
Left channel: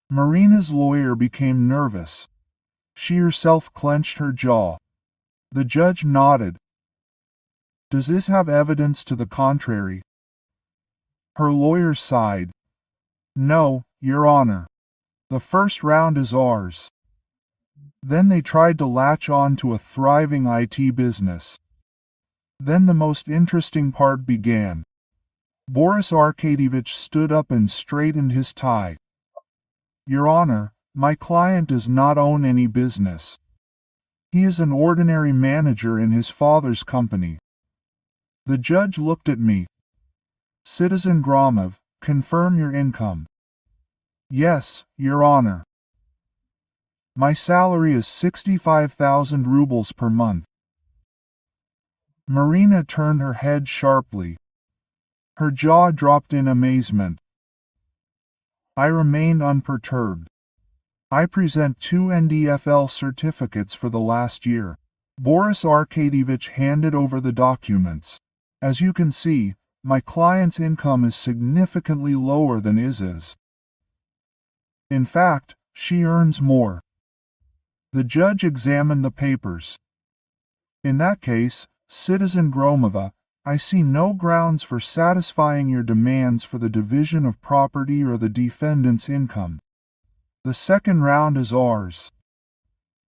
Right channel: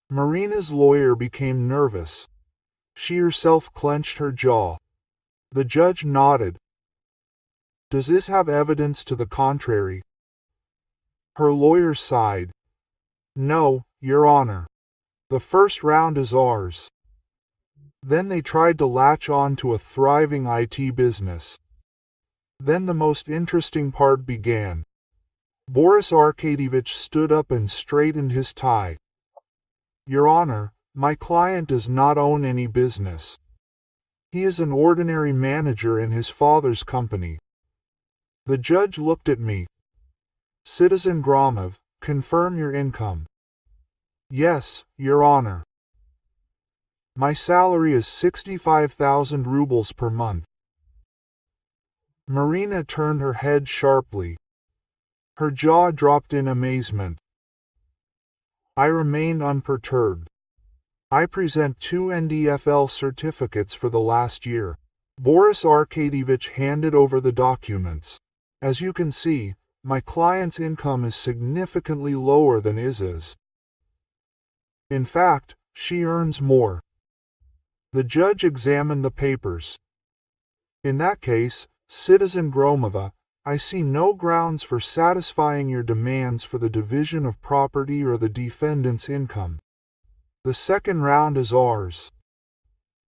Marina's lawyer became nervous. She herself clenched her jaw. The judge nodded. Does this have evidence to the contrary? Her lawyer sighed. No, Your Honor. The first round is ours. Then they tried to latch on to a thriving IT business. Then the most interesting part began. Boris Arkadyevich stood up and straightened his tie. Your Honor, my client does not own any business. He is an ordinary manager in his father's company. The judge looked at me. Citizen Gromov, confirm your income. Yes, Your Honor. My salary is 65,000 rubles per month. Marina turned her head sharply. Her jaw dropped in amazement. I remained unperturbed. I present 2 NDFL certificates for the last year. Boris Arkadyevich handed over the documents. As you can see, my client's income is significantly lower than Iz's. In fact, she earns more. The judge examined the papers. In that case, Citizen Gromova, I see no grounds for satisfying your demands for the division of property or the defendant's income. The second round is ours.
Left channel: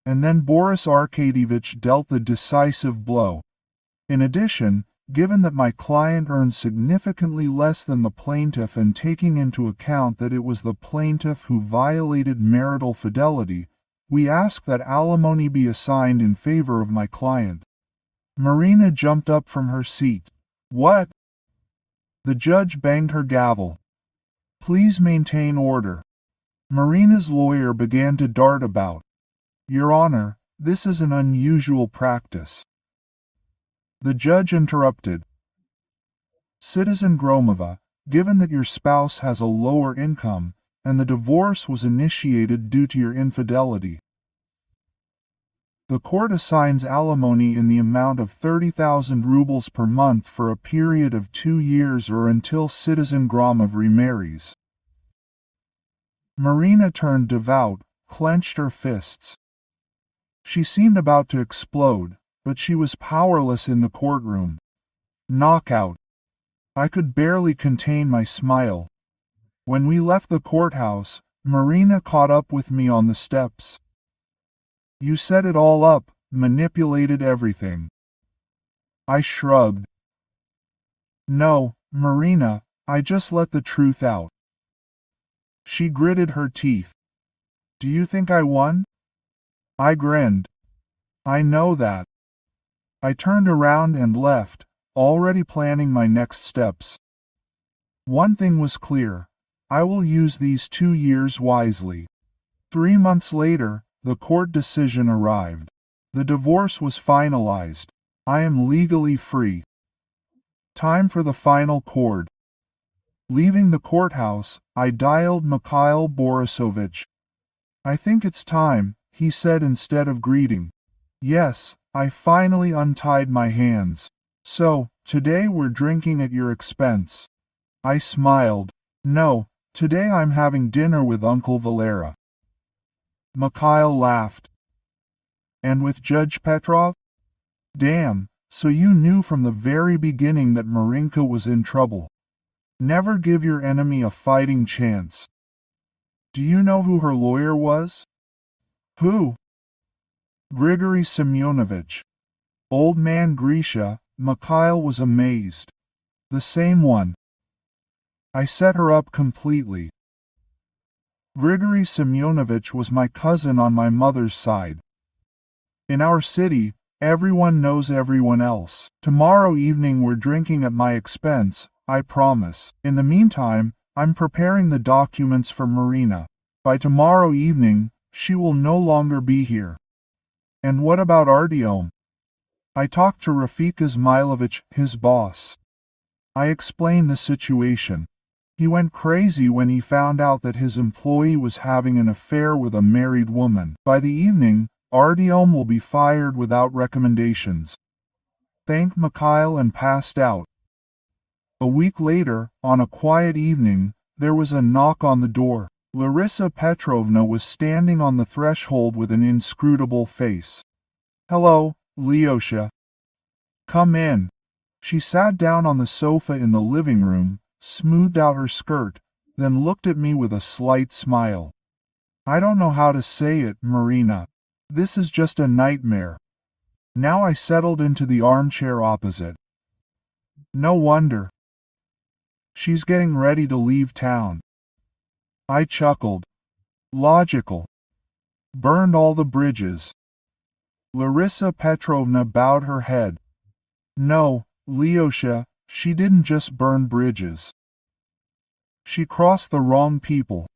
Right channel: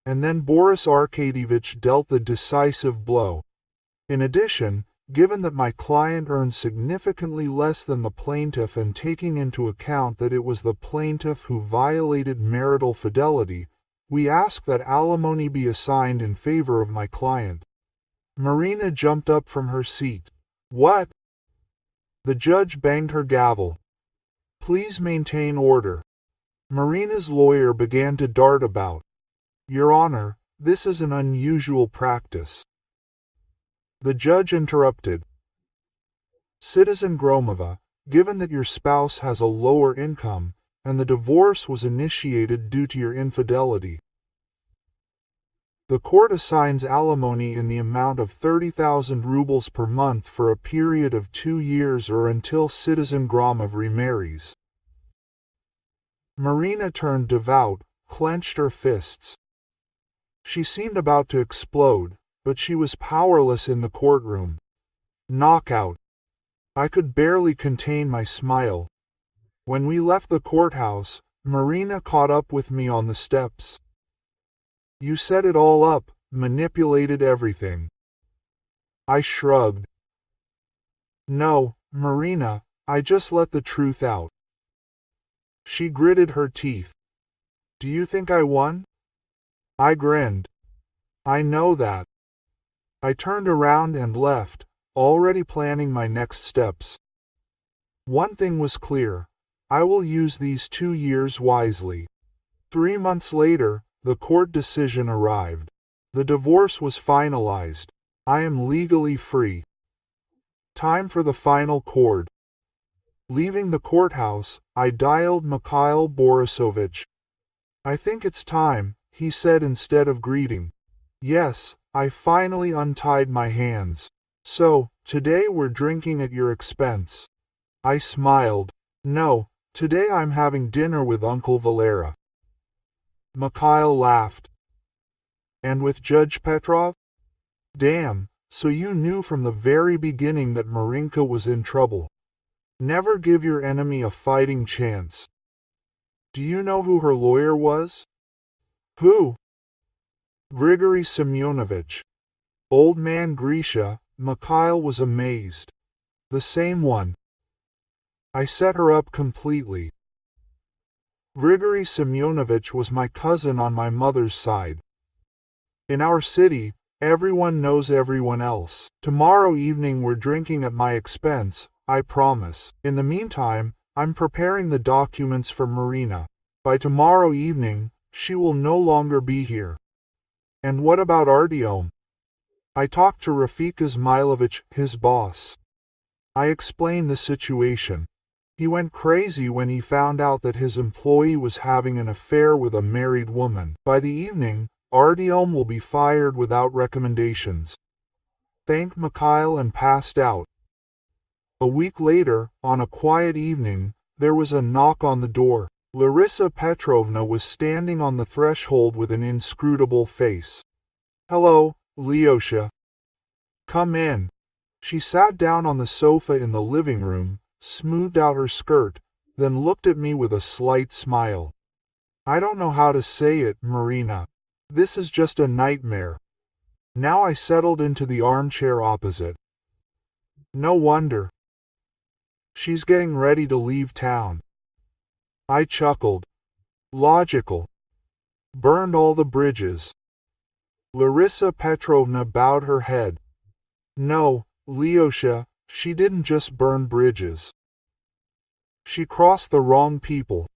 And then Boris Arkadyevich dealt the decisive blow. In addition, given that my client earned significantly less than the plaintiff and taking into account that it was the plaintiff who violated marital fidelity, we ask that alimony be assigned in favor of my client. Marina jumped up from her seat. What? The judge banged her gavel. Please maintain order. Marina's lawyer began to dart about. Your Honor, this is an unusual practice. The judge interrupted. Citizen Gromova, given that your spouse has a lower income, and the divorce was initiated due to your infidelity, the court assigns alimony in the amount of 30,000 rubles per month for a period of 2 years or until Citizen Gromov remarries. Marina turned devout, clenched her fists. She seemed about to explode, but she was powerless in the courtroom. Knockout. I could barely contain my smile. When we left the courthouse, Marina caught up with me on the steps. You set it all up, manipulated everything. I shrugged. No, Marina, I just let the truth out. She gritted her teeth. Do you think I won? I grinned. I know that. I turned around and left, already planning my next steps. One thing was clear. I will use these 2 years wisely. 3 months later, the court decision arrived. The divorce was finalized. I am legally free. Time for the final chord. Leaving the courthouse, I dialed Mikhail Borisovich. I think it's time, he said instead of greeting. Yes, I finally untied my hands. So, today we're drinking at your expense. I smiled. No, today I'm having dinner with Uncle Valera. Mikhail laughed. And with Judge Petrov? Damn, So you knew from the very beginning that Marinka was in trouble. Never give your enemy a fighting chance. Do you know who her lawyer was? Who? Grigory Semyonovich. Old man Grisha. Mikhail was amazed. The same one. I set her up completely. Grigory Semyonovich was my cousin on my mother's side. In our city, everyone knows everyone else. Tomorrow evening we're drinking at my expense, I promise. In the meantime, I'm preparing the documents for Marina. By tomorrow evening, she will no longer be here. And what about Artyom? I talked to Rafik Izmailovich, his boss. I explained the situation. He went crazy when he found out that his employee was having an affair with a married woman. By the evening, Artyom will be fired without recommendations. Thanked Mikhail and passed out. A week later, on a quiet evening, there was a knock on the door. Larissa Petrovna was standing on the threshold with an inscrutable face. "Hello, Lyosha. Come in." She sat down on the sofa in the living room, smoothed out her skirt, then looked at me with a slight smile. "I don't know how to say it, Marina. This is just a nightmare." Now I settled into the armchair opposite. "No wonder. She's getting ready to leave town." I chuckled. "Logical. Burned all the bridges." Larissa Petrovna bowed her head. "No, Lyosha, she didn't just burn bridges. She crossed the wrong people."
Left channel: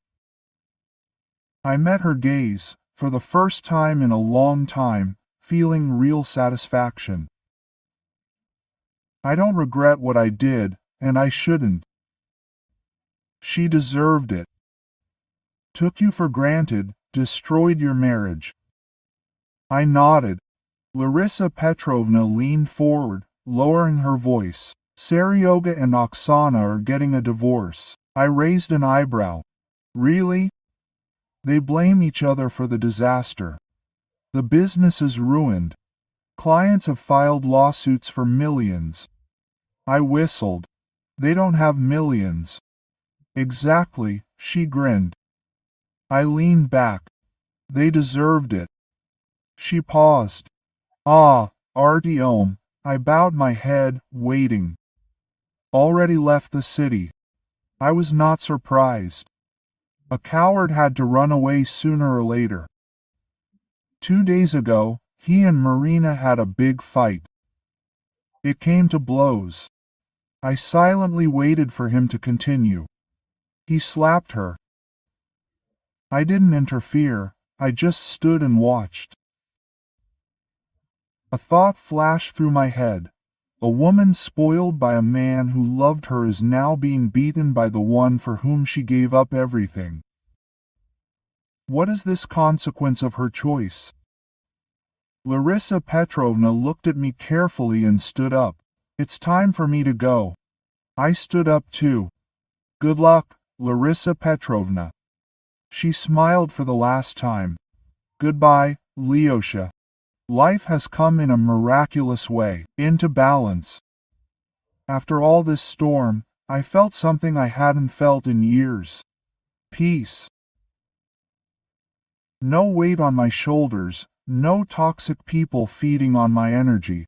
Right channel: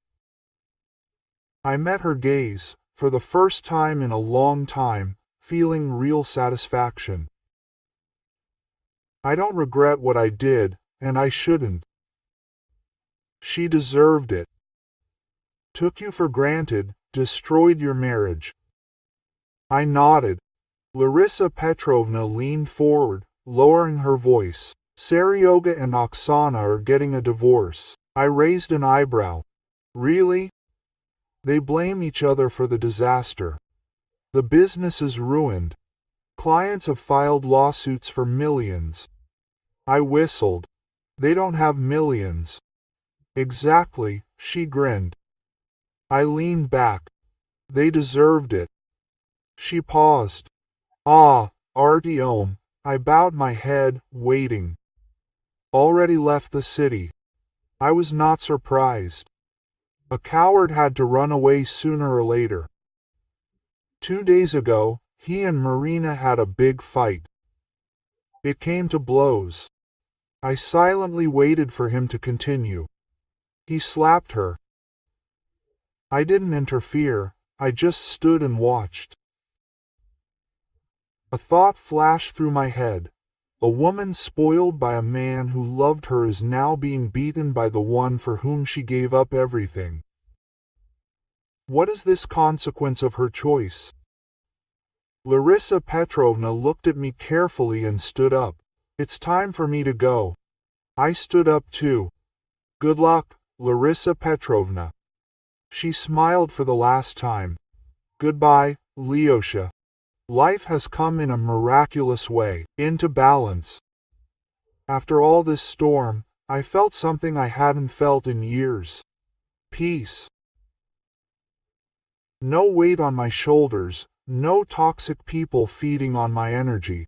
I met her gaze, for the first time in a long time, feeling real satisfaction. "I don't regret what I did, and I shouldn't. She deserved it. Took you for granted, destroyed your marriage." I nodded. Larissa Petrovna leaned forward, lowering her voice. "Seryoga and Oksana are getting a divorce." I raised an eyebrow. "Really?" "They blame each other for the disaster. The business is ruined. Clients have filed lawsuits for millions." I whistled. "They don't have millions." "Exactly," she grinned. I leaned back. "They deserved it." She paused. "Ah, Artyom." I bowed my head, waiting. "Already left the city." I was not surprised. A coward had to run away sooner or later. 2 days ago, he and Marina had a big fight. It came to blows. I silently waited for him to continue. He slapped her. I didn't interfere, I just stood and watched. A thought flashed through my head. A woman spoiled by a man who loved her is now being beaten by the one for whom she gave up everything. What is this consequence of her choice? Larissa Petrovna looked at me carefully and stood up. "It's time for me to go." I stood up too. "Good luck, Larissa Petrovna." She smiled for the last time. "Goodbye, Lyosha. Life has come in a miraculous way, into balance." After all this storm, I felt something I hadn't felt in years. Peace. No weight on my shoulders, no toxic people feeding on my energy.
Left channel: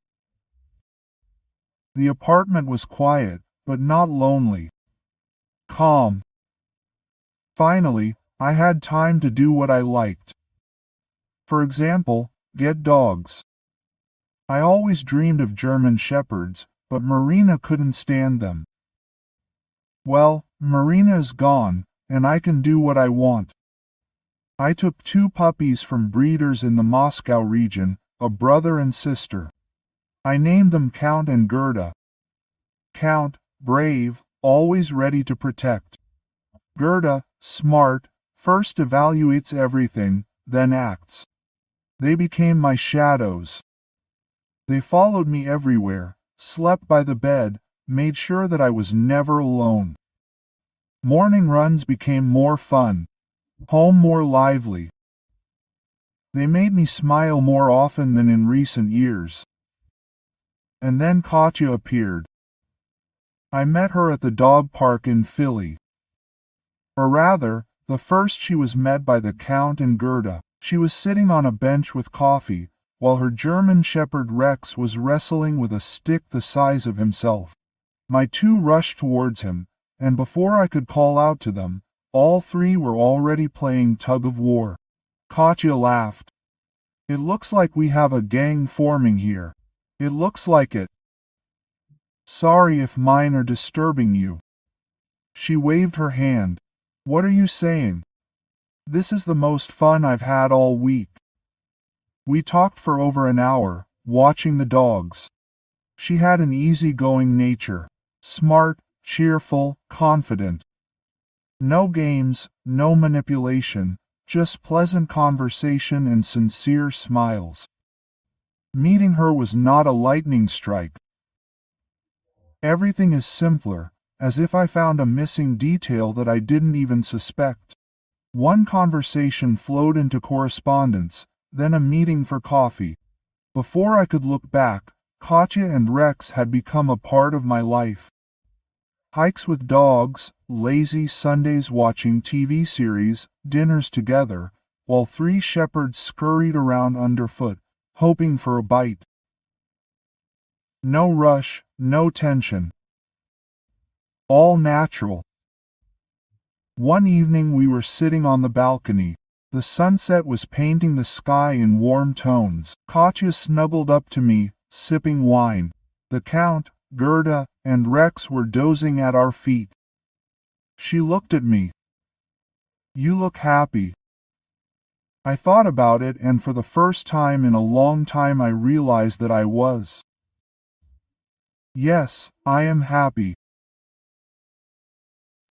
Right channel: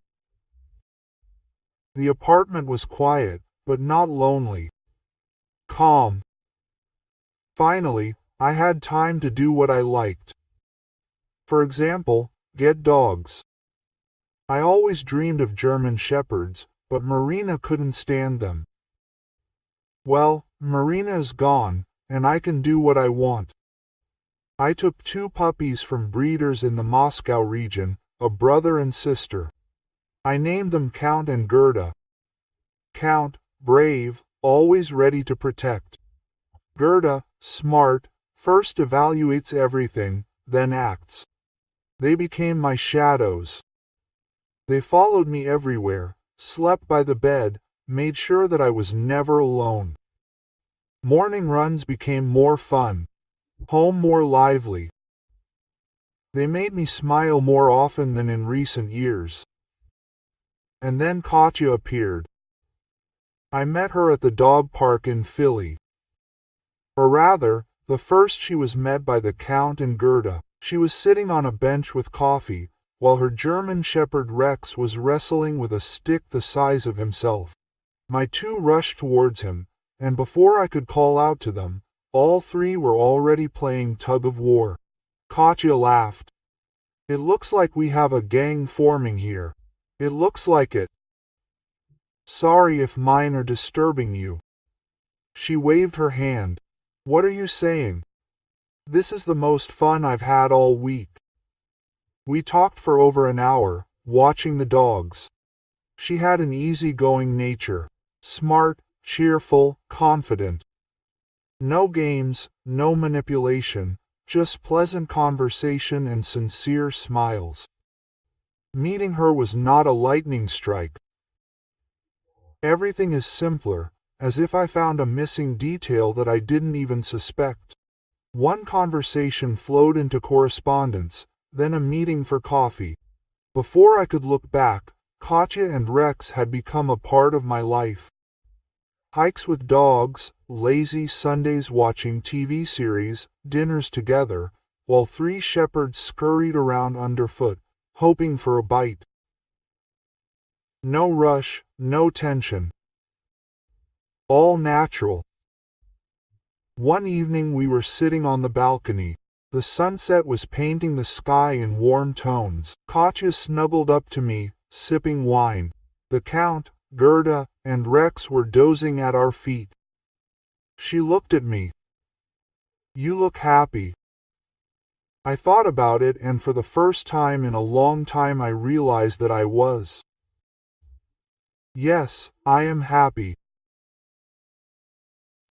The apartment was quiet, but not lonely. Calm. Finally, I had time to do what I liked. For example, get dogs. I always dreamed of German shepherds, but Marina couldn't stand them. Well, Marina is gone, and I can do what I want. I took 2 puppies from breeders in the Moscow region, a brother and sister. I named them Count and Gerda. Count, brave, always ready to protect. Gerda, smart, first evaluates everything, then acts. They became my shadows. They followed me everywhere, slept by the bed, made sure that I was never alone. Morning runs became more fun. Home more lively. They made me smile more often than in recent years. And then Katya appeared. I met her at the dog park in Philly. Or rather, the first she was met by the Count and Gerda. She was sitting on a bench with coffee, while her German shepherd Rex was wrestling with a stick the size of himself. My two rushed towards him, and before I could call out to them, all three were already playing tug-of-war. Katya laughed. It looks like we have a gang forming here. It looks like it. Sorry if mine are disturbing you. She waved her hand. What are you saying? This is the most fun I've had all week. We talked for over an hour, watching the dogs. She had an easygoing nature. Smart, cheerful, confident. No games, no manipulation, just pleasant conversation and sincere smiles. Meeting her was not a lightning strike. Everything is simpler, as if I found a missing detail that I didn't even suspect. One conversation flowed into correspondence, then a meeting for coffee. Before I could look back, Katya and Rex had become a part of my life. Hikes with dogs, lazy Sundays watching TV series, dinners together, while three shepherds scurried around underfoot, hoping for a bite. No rush, no tension. All natural. One evening we were sitting on the balcony. The sunset was painting the sky in warm tones. Katya snuggled up to me, sipping wine. The Count, Gerda, and Rex were dozing at our feet. She looked at me. You look happy. I thought about it, and for the first time in a long time I realized that I was. Yes, I am happy.